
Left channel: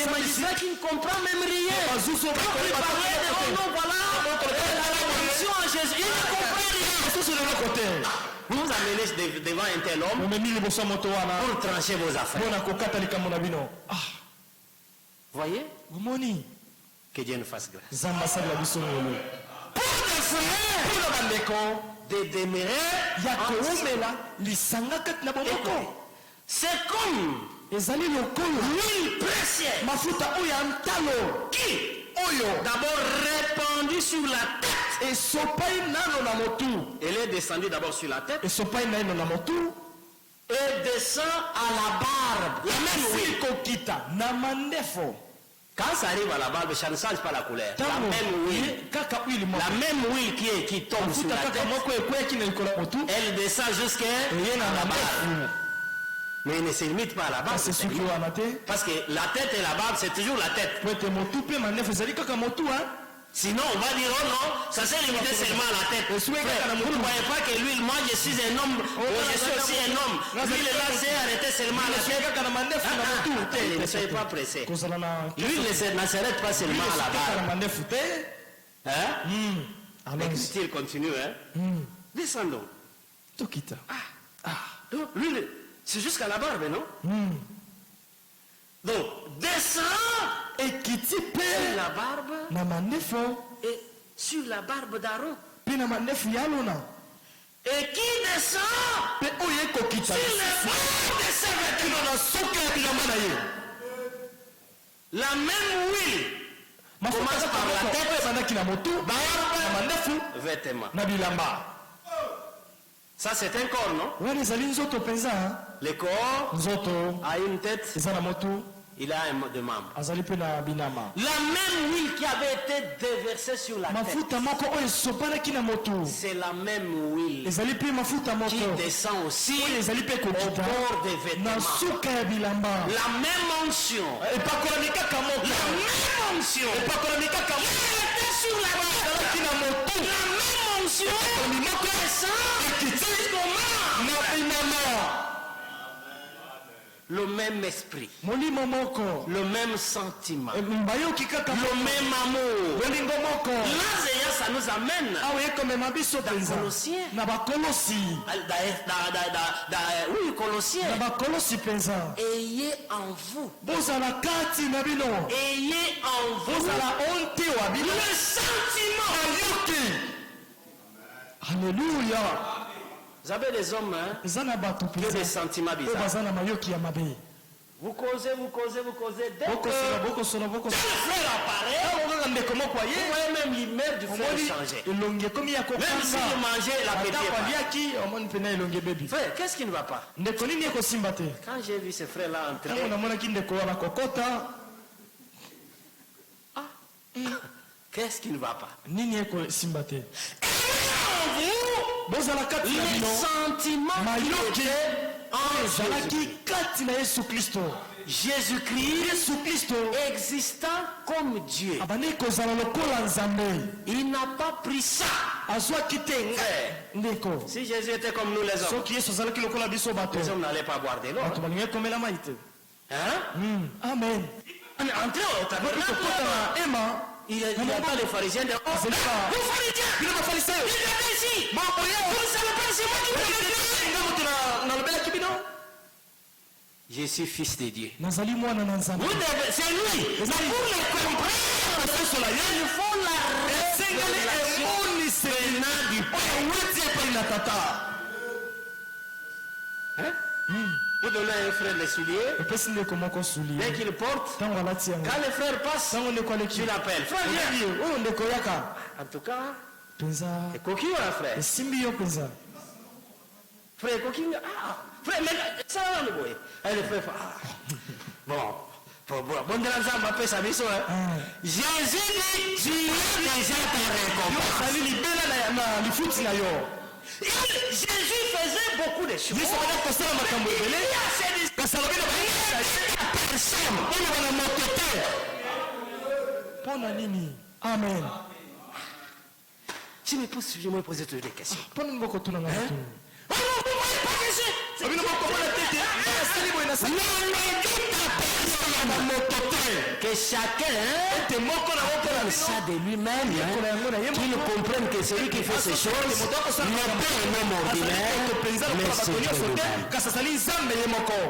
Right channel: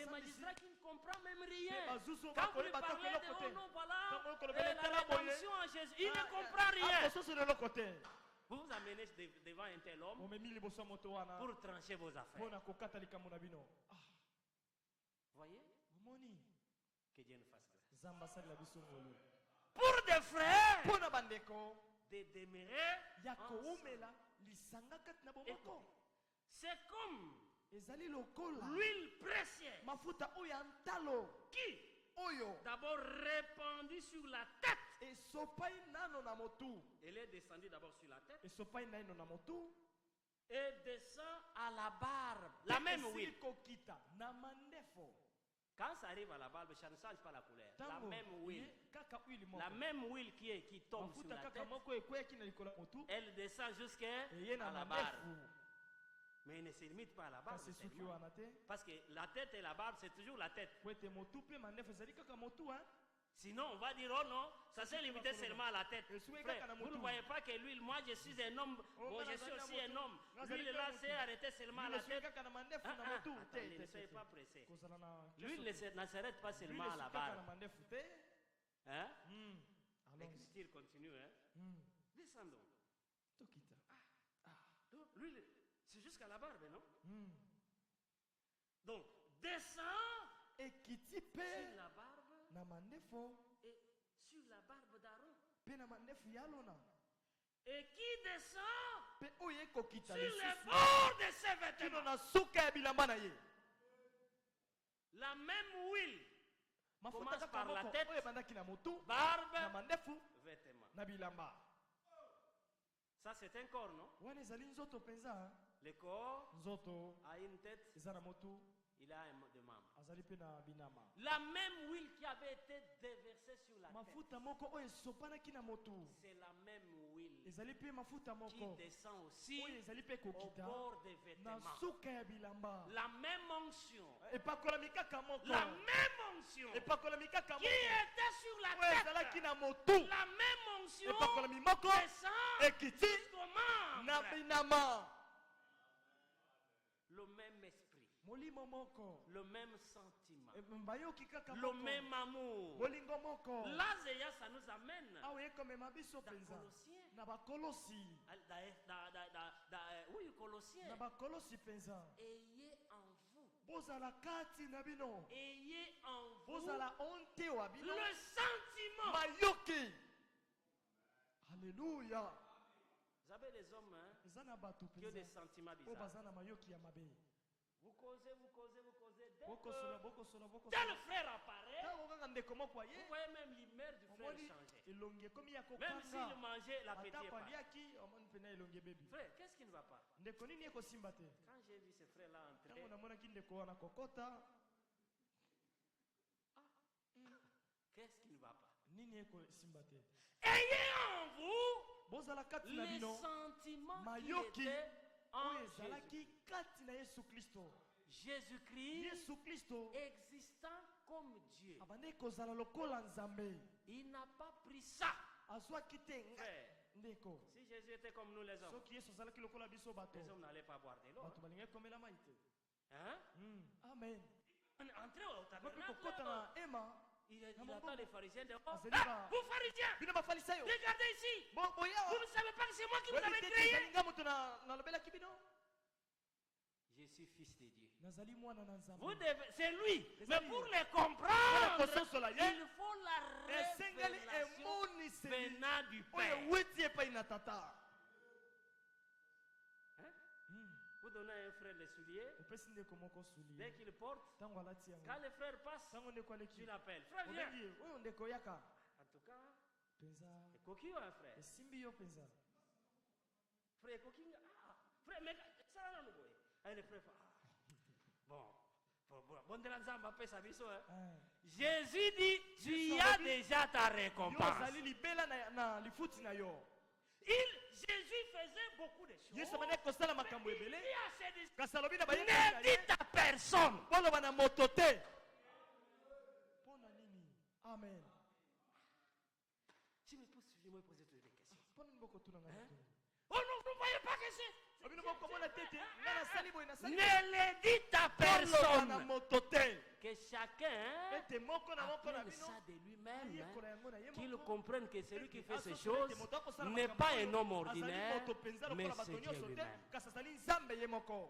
magistrats qui ne comprennent même rien. Quand vous parlez de la révolution en Jésus, ils ne comprennent rien. Vous amenez devant un tel homme pour trancher vos affaires. Voyez? Que Dieu nous fasse grâce. Pour des frères, de demeurer, c'est comme l'huile précieuse qui d'abord répandu sur la tête. Elle est descendue d'abord sur la tête. et descend à la barbe. La même huile. Kokita na mandefo. Quand ça arrive à la barbe, ça ne change pas la couleur. La même huile qui tombe sur la tête, elle descend jusqu'à la barbe. Mais il ne se limite pas à la barbe. Parce que la tête et la barbe, c'est toujours la tête. Sinon, on va dire, oh non, ça s'est limité seulement à la tête. Frère, vous ne voyez pas que lui, moi, je suis un homme, je suis aussi un homme. Lui, là, s'est arrêté seulement à la tête. Ne soyez pas pressé. Lui, ne s'arrête pas seulement à la barbe. Hein? Mais il continue, hein? Descendons. Donc, lui, c'est jusqu'à la barbe, non? Donc, descend et qui type sur la barbe na mandefo et sur la barbe d'Aaron. Puis na mandefo yalona. Et qui descend pe oye kokita sur les bords de ses vêtements. Na soka bilamba na ye. La même huile commence par la tête, bandaki na motu, barbe, na mandefo, vêtements. na bilamba. Ça c'est un corps, non? Wani zali nzoto penza. Le corps Nzoto a une tête, eza na motu. il a un de membres. Azali pe na binama. La même huile qui avait été déversée sur la tête. Mafuta moko oyo sopanaki na motu. C'est la même huile Ezali pe mafuta moko qui descend aussi ezali pe au kokita bord des vêtements. na suka ya bilamba. La même onction. Epakolami kaka moko. La même onction. Epakolami kaka Qui était sur la ezalaki tête. na motu. La même onction. Epakolami moko Descend ekiti jusqu'au membre. na binama. Le même esprit, Molimo moko. le même sentiment, Mbayoki kaka le même amour. bolingo moko. Là, ça nous amène Awe komema biso penza. Colossiens. Na bakolosi. Oui, Colossiens. Na bakolosi penza. Ayez en vous, Bozala kati na bino. ayez en vous Bozala onte wa bino. le sentiment. Ayoki. Alléluia. Vous avez des hommes hein, Zana batu qui ont des penza. sentiments bizarres. Bazana mayoki ya mabe. Vous causez. Dès Boko que sona. le frère apparaît, Awo ndeko moko vous aye. voyez même l'humeur du frère changer. Elonge komi ya Même si kokanga. vous mangez l'appétit. Atako pas. aliaki omoni pena elonge bebi. Frère, qu'est-ce qui ne va pas? Ndeko nini ekosimba te? Quand j'ai vu ce frère-là entrer, Tango namonaki ndeko wana kokota. qu'est-ce qui ne va pas? Nini ekosimba te? Vous, Bozala kati na les bino. sentiments qui Mayoki étaient en ezalaki kati na Yesu Kristo. Jésus-Christ Yesu Kristo existant comme Dieu. abandi kozala lokola Nzambe. Il n'a pas pris ça. Azwaki te ndeko. Si Jésus était comme nous les hommes, Soki Yesu azalaki lokola biso bato. les hommes n'allaient pas boire de l'eau. Bato balingi komela mai te. Hein? Amen. Entrez au tabernacle, Kokota na ema. il n'y a pas de pharisiens de C'est pas. Vous pharisiens, Bino bafarisayo. regardez ici. Mambo yao. Vous ne savez pas, c'est moi qui vous l'avais dit. Nga moto na lobelaki bino. Je suis fils de Dieu. Nazali mwana na Nzambe. C'est lui. Mais pour le comprendre, il faut la révélation venant du Père. Hein? Vous donnez à un frère les souliers, Epesi ndeko moko suli. dès qu'il porte, Tango alati yango. quand le frère passe, Tango ndeko aleki. tu l'appelles. Frère, viens. Oyo ndeko yaka. En tout cas, Penza. c'est coquille, hein, frère. Esimbi yo penza. Frère, coquille, ah, frère, mais ça va le boy. Et le frère, bon, de l'ensemble, on appelle ça mission, hein. Jésus dit, tu as déjà ta récompense. Azali libela na lifuti na yo. Jésus faisait beaucoup de choses. Yesu abandi kosala makambo ebele. Il y a ces Kasi alobi na personnes. oyo bana moto te. Mpo na nini? Amen. Je me pose toujours des questions. Mpo nini bokotuna nga matuni? Oh non, vous voyez pas que c'est... Bino bokomona te te. Asali boye na sali. Na moto te. Que chacun Ete moko na moko na prenne biso. ça de lui-même, hein, qu'il comprenne que celui qui fait ces choses n'est pas un homme ordinaire, mais c'est Dieu lui-même. kasi azali Nzambe ye moko.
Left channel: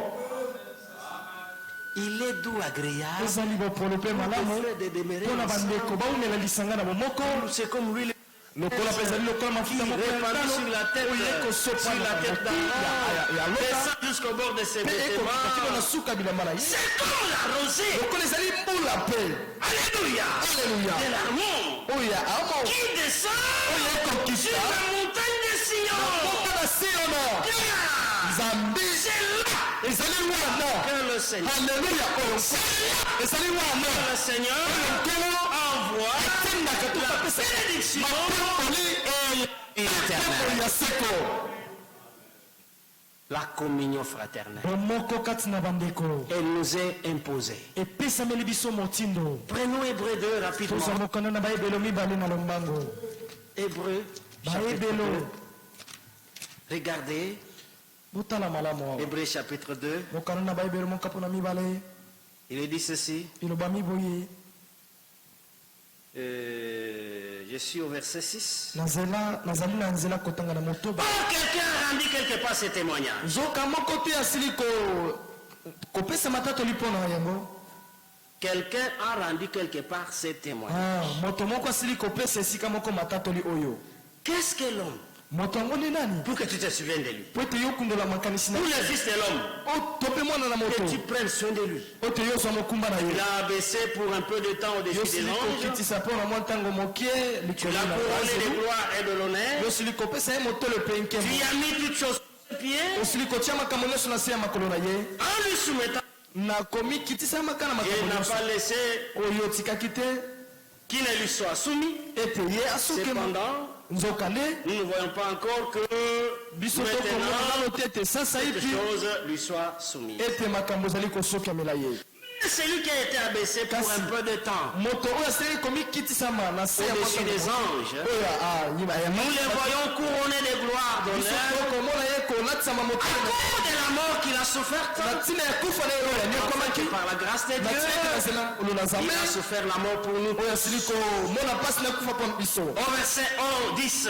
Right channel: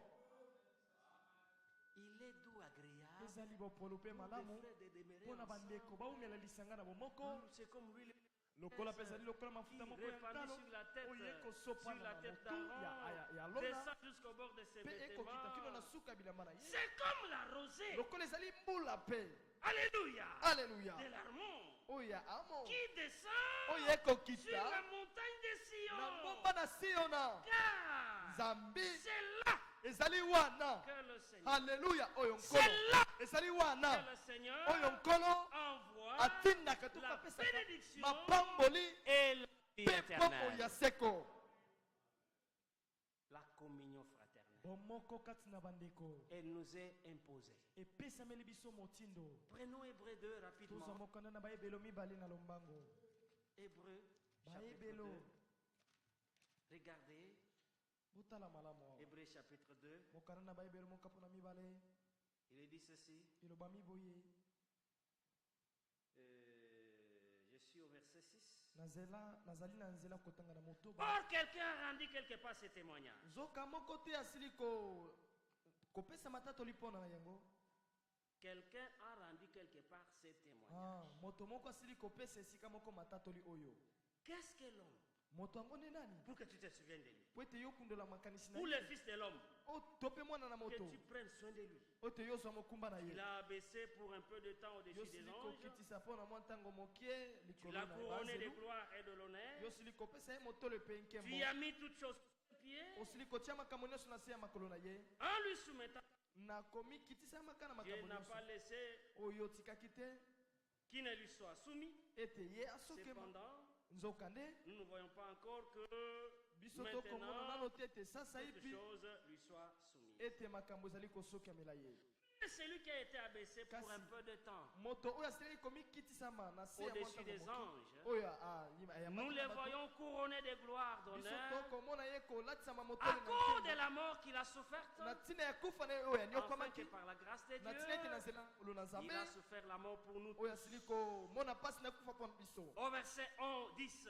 Il est doux, agréable, Ezali bopolo mpe malamu frère de demeurer mpo na ensemble. bandeko baumela lisanga na bomoko C'est comme lui, lokola mpe ezali lokola mafuta moko ya répandu talo sur la tête, oyo ekosopa sur la tête d'Aaron, ya loka descend jusqu'au bord de ses mpe ekokita kino na vêtements. suka bilamba na ye C'est comme la rosée, lokola ezali mbula mpe alléluia, alleluya de l'amour oyo ya amo qui descend oyo sur ekokita la montagne de Sion. moko na Siona Viens. que le Seigneur envoie la bénédiction et l'éternel. La communion fraternelle. Elle nous est imposée. Prenons Hébreu 2 rapidement. Hébreu chapitre 2. Regardez. Hébreu chapitre 2. Il est dit ceci. Je suis au verset 6. Or, quelqu'un a rendu quelque part ce témoignage. Quelqu'un a rendu quelque part ce témoignage. Qu'est-ce que l'homme? Pour que tu te souviennes de lui. Pour le fils de l'homme. Que tu prennes soin de lui. Il a abaissé pour un peu de temps au-dessus des anges. Tu l'as couronné de gloire et de l'honneur. Tu y as mis toutes choses sur ses pieds. En lui soumettant. Il n'a pas laissé qui ne lui soit soumis. Cependant, nous ne voyons pas encore que maintenant, quelque chose lui soit soumise. Celui qui a été abaissé pour un peu de temps au-dessus des anges, nous les voyons couronnés de gloire, d'honneur, à cause de la mort qu'il a soufferte. Par la grâce de Dieu, il a souffert la mort pour nous. Au verset 10,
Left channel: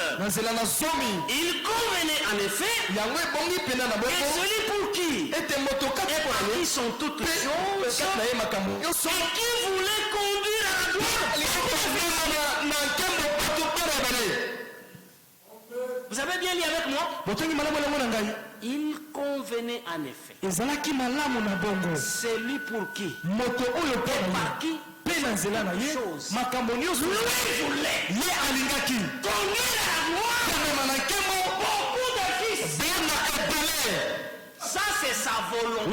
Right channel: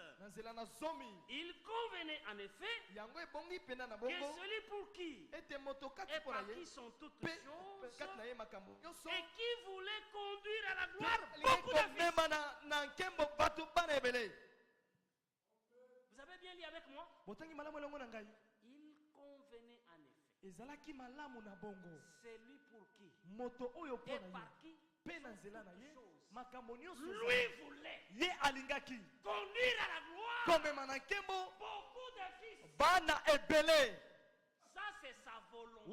il convenait en effet que celui pour qui et par qui sont toutes choses et qui voulait conduire à la gloire. Vous avez bien lu avec moi? Il convenait en effet. Celui pour qui et par qui chose. Lui voulait conduire à la gloire beaucoup de fils. Ça c'est sa volonté.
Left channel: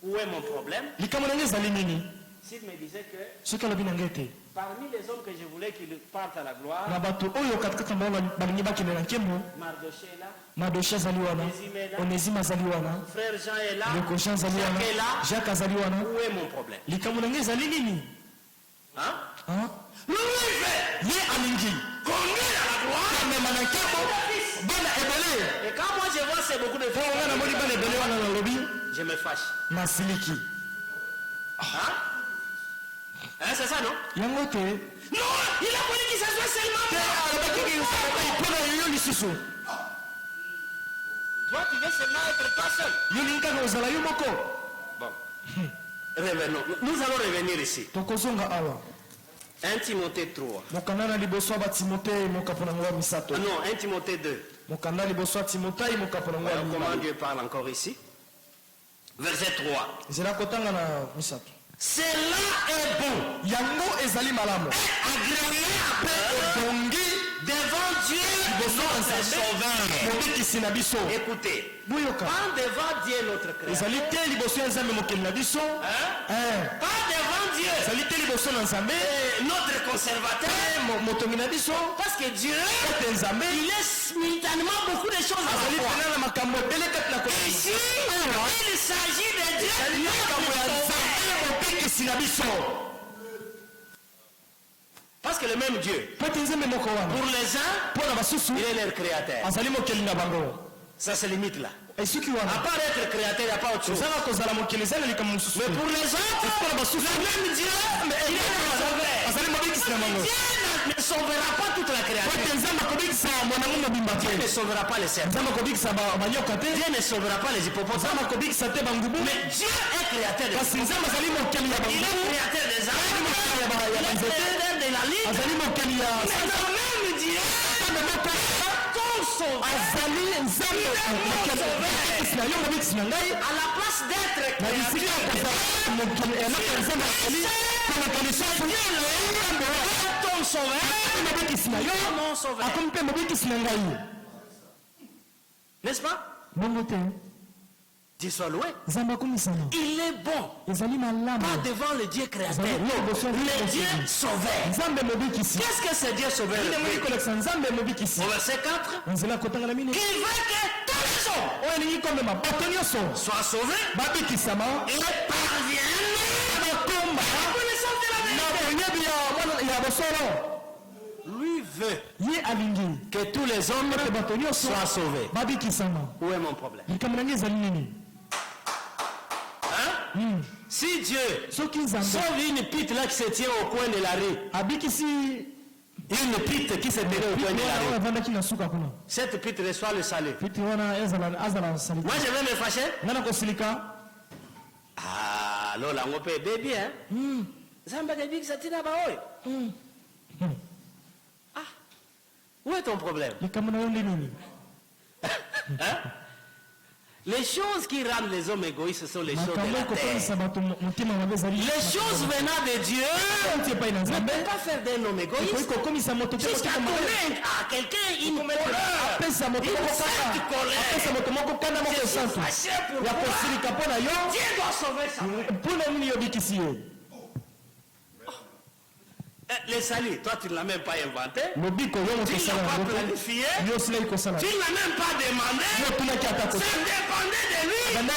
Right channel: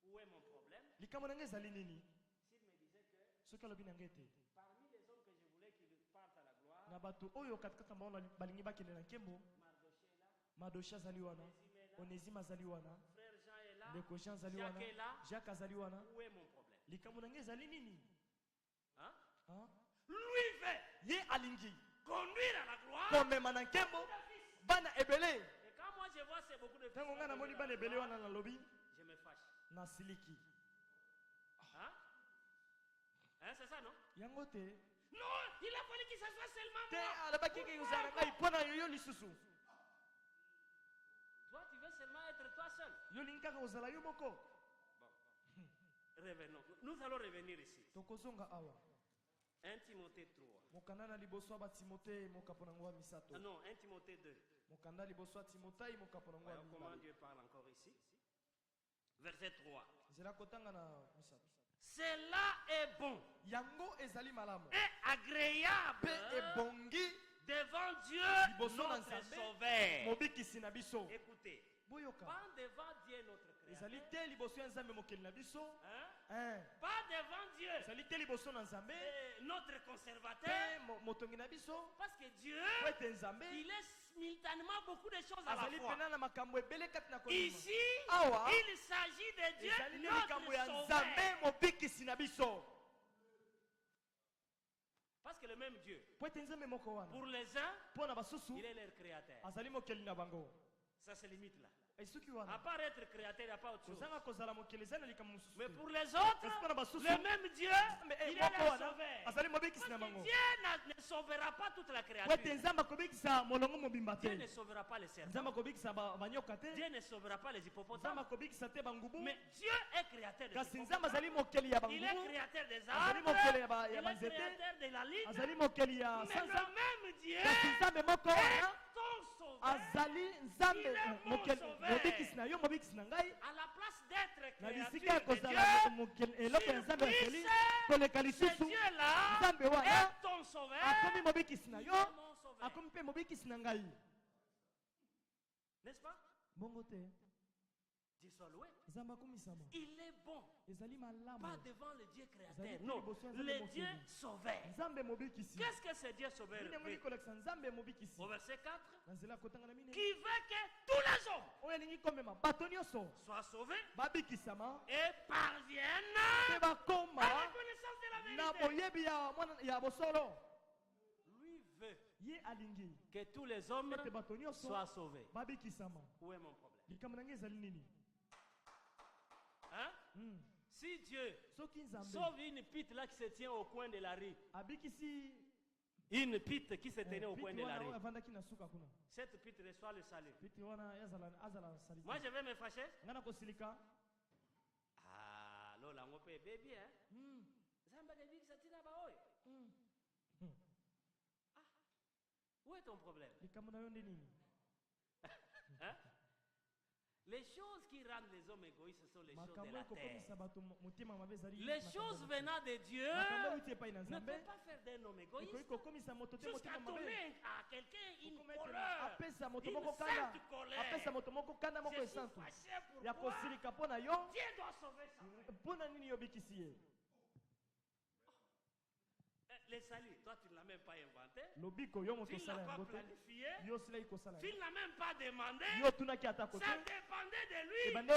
Où est mon problème? S'il me disait que parmi les hommes que je voulais qu'ils partent à la gloire, Mardoché est là, Onésime est là, frère Jean est là, Jacques est là. Où est mon problème? Hein? Lui veut conduire à la gloire. Et quand moi je vois c'est beaucoup de filles, je me fâche. Hein? Hein, c'est ça, non? Non, il a voulu qu'il s'assoie seulement. Toi, tu veux seulement être toi seul. Bon. Revenons. Nous allons revenir ici. 1 Timothée 3. Non, 1 Timothée 2. Comment Dieu parle encore ici? Verset 3. Cela est bon et agréable devant Dieu notre Sauveur. Écoutez, pas devant Dieu notre Créateur, pas devant Dieu notre conservateur, parce que Dieu il laisse simultanément beaucoup de choses à la fois. Ici, il s'agit de Dieu parce que le même Dieu, pour les uns, il est leur créateur. Ça se limite là. À part être créateur, il n'y a pas autre chose. Mais pour les autres, le même Dieu, il est leur sauveur. Dieu ne sauvera pas toute la créature. Dieu ne sauvera pas les serpents. Dieu ne sauvera pas les hippopotames. Mais Dieu est créateur des serpents. Il est créateur des arbres. Il est créateur de la ligne. Mais le même Dieu, ton sauveur, à la place d'être créateur, ton sauveur, mon sauveur. N'est-ce pas? Dieu soit loué. Il est bon. Pas devant le Dieu créateur. Le Dieu sauveur. Qu'est-ce que c'est Dieu sauveur? Au verset 4. Qui veut que tous les hommes soient sauvés et parviennent à la connaissance de la vérité. Lui veut que tous les hommes soient sauvés. Où est mon problème? Si Dieu sauve une pite là qui se tient au coin de la rue, une pite qui se tient au coin de la rue, cette pite reçoit le salut. Moi je vais me fâcher. Ah, là on peut bébé, hein? Zamba de big satina ba oi. Ah, où est ton problème? Hein? Les choses qui rendent les hommes égoïstes sont les choses de la terre. Les choses venant de Dieu ne peuvent pas faire d'un homme égoïste. Jusqu'à donner à quelqu'un une colère, une sainte colère. Dieu doit sauver ça. Le salut, toi tu ne l'as même pas inventé, tu ne l'as pas planifié, tu ne l'as même pas demandé, ça dépendait de lui. De la même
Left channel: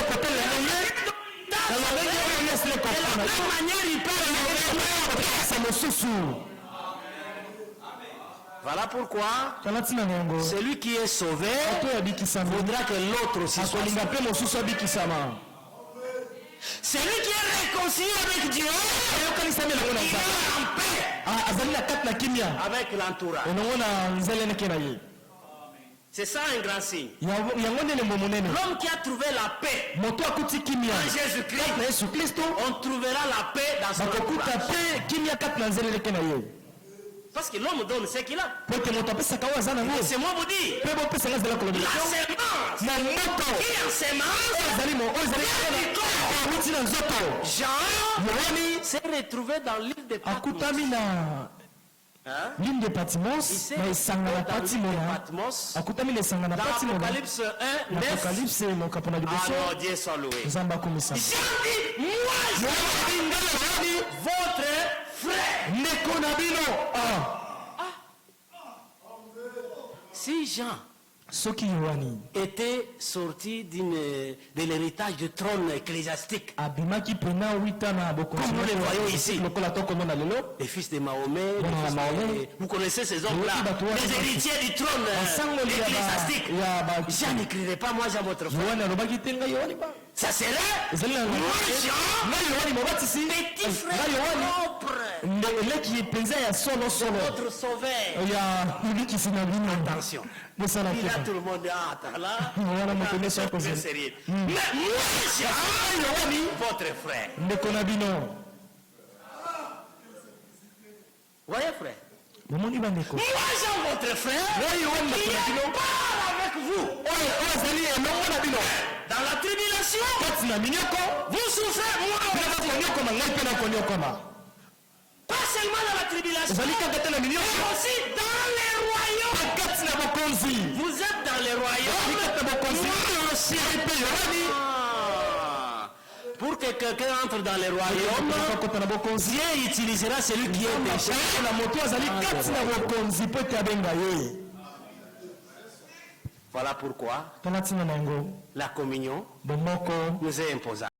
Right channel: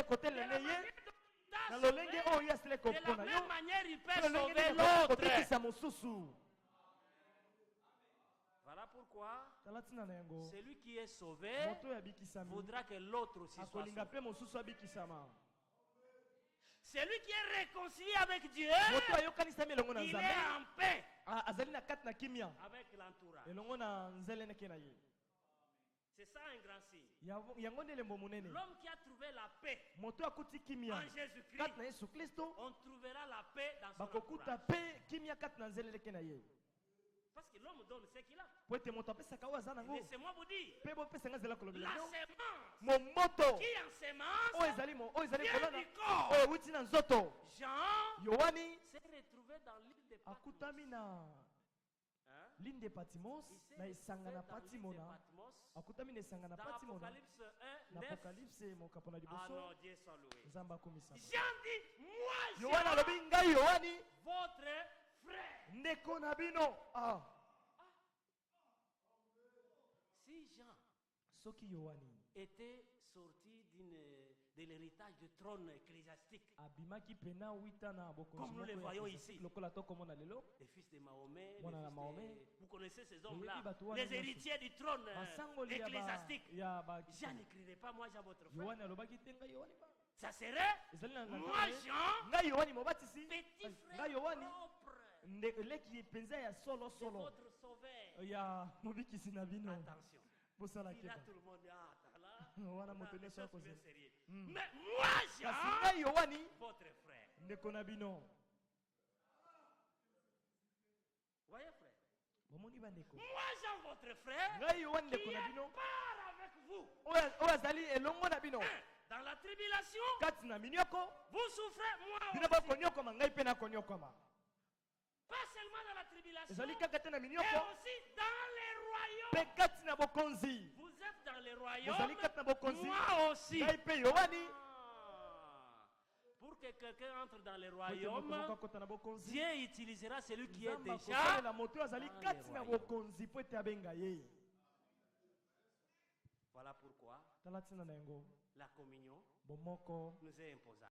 manière il peut le. Voilà pourquoi celui qui est sauvé voudra que l'autre aussi soit sauvé. Celui qui est réconcilié avec Dieu, il est en paix avec l'entourage. C'est ça un grand signe. L'homme qui a trouvé la paix en Jésus-Christ, on trouvera la paix dans son entourage. Parce que l'homme donne ce qu'il a. Laissez-moi vous dire. La semence qui en semence Jean s'est retrouvé dans l'île de Patmos. L'île de Patmos, dans l'Apocalypse 1, 9. Ah non, Dieu soit loué. Jean dit, moi je suis votre frère. Si Jean était sorti de l'héritage du trône ecclésiastique, comme nous le voyons ici, les fils de Mahomet, vous connaissez ces hommes-là, les héritiers du trône ecclésiastique. Jean n'écrivait pas moi Jean votre frère. Ça serait moi Jean, petit frère propre, votre sauveur. Attention. Il a tout le monde là. C'est sérieux. Mais moi Jean, votre frère. Voyez frère. Moi Jean votre frère, qui part avec vous dans la tribulation. Vous souffrez, moi pas seulement dans la tribulation, mais aussi dans les royaumes. Vous êtes dans les royaumes, moi aussi. Pour que quelqu'un entre dans les royaumes, Dieu utilisera celui qui est déjà. Voilà pourquoi la communion nous est imposable.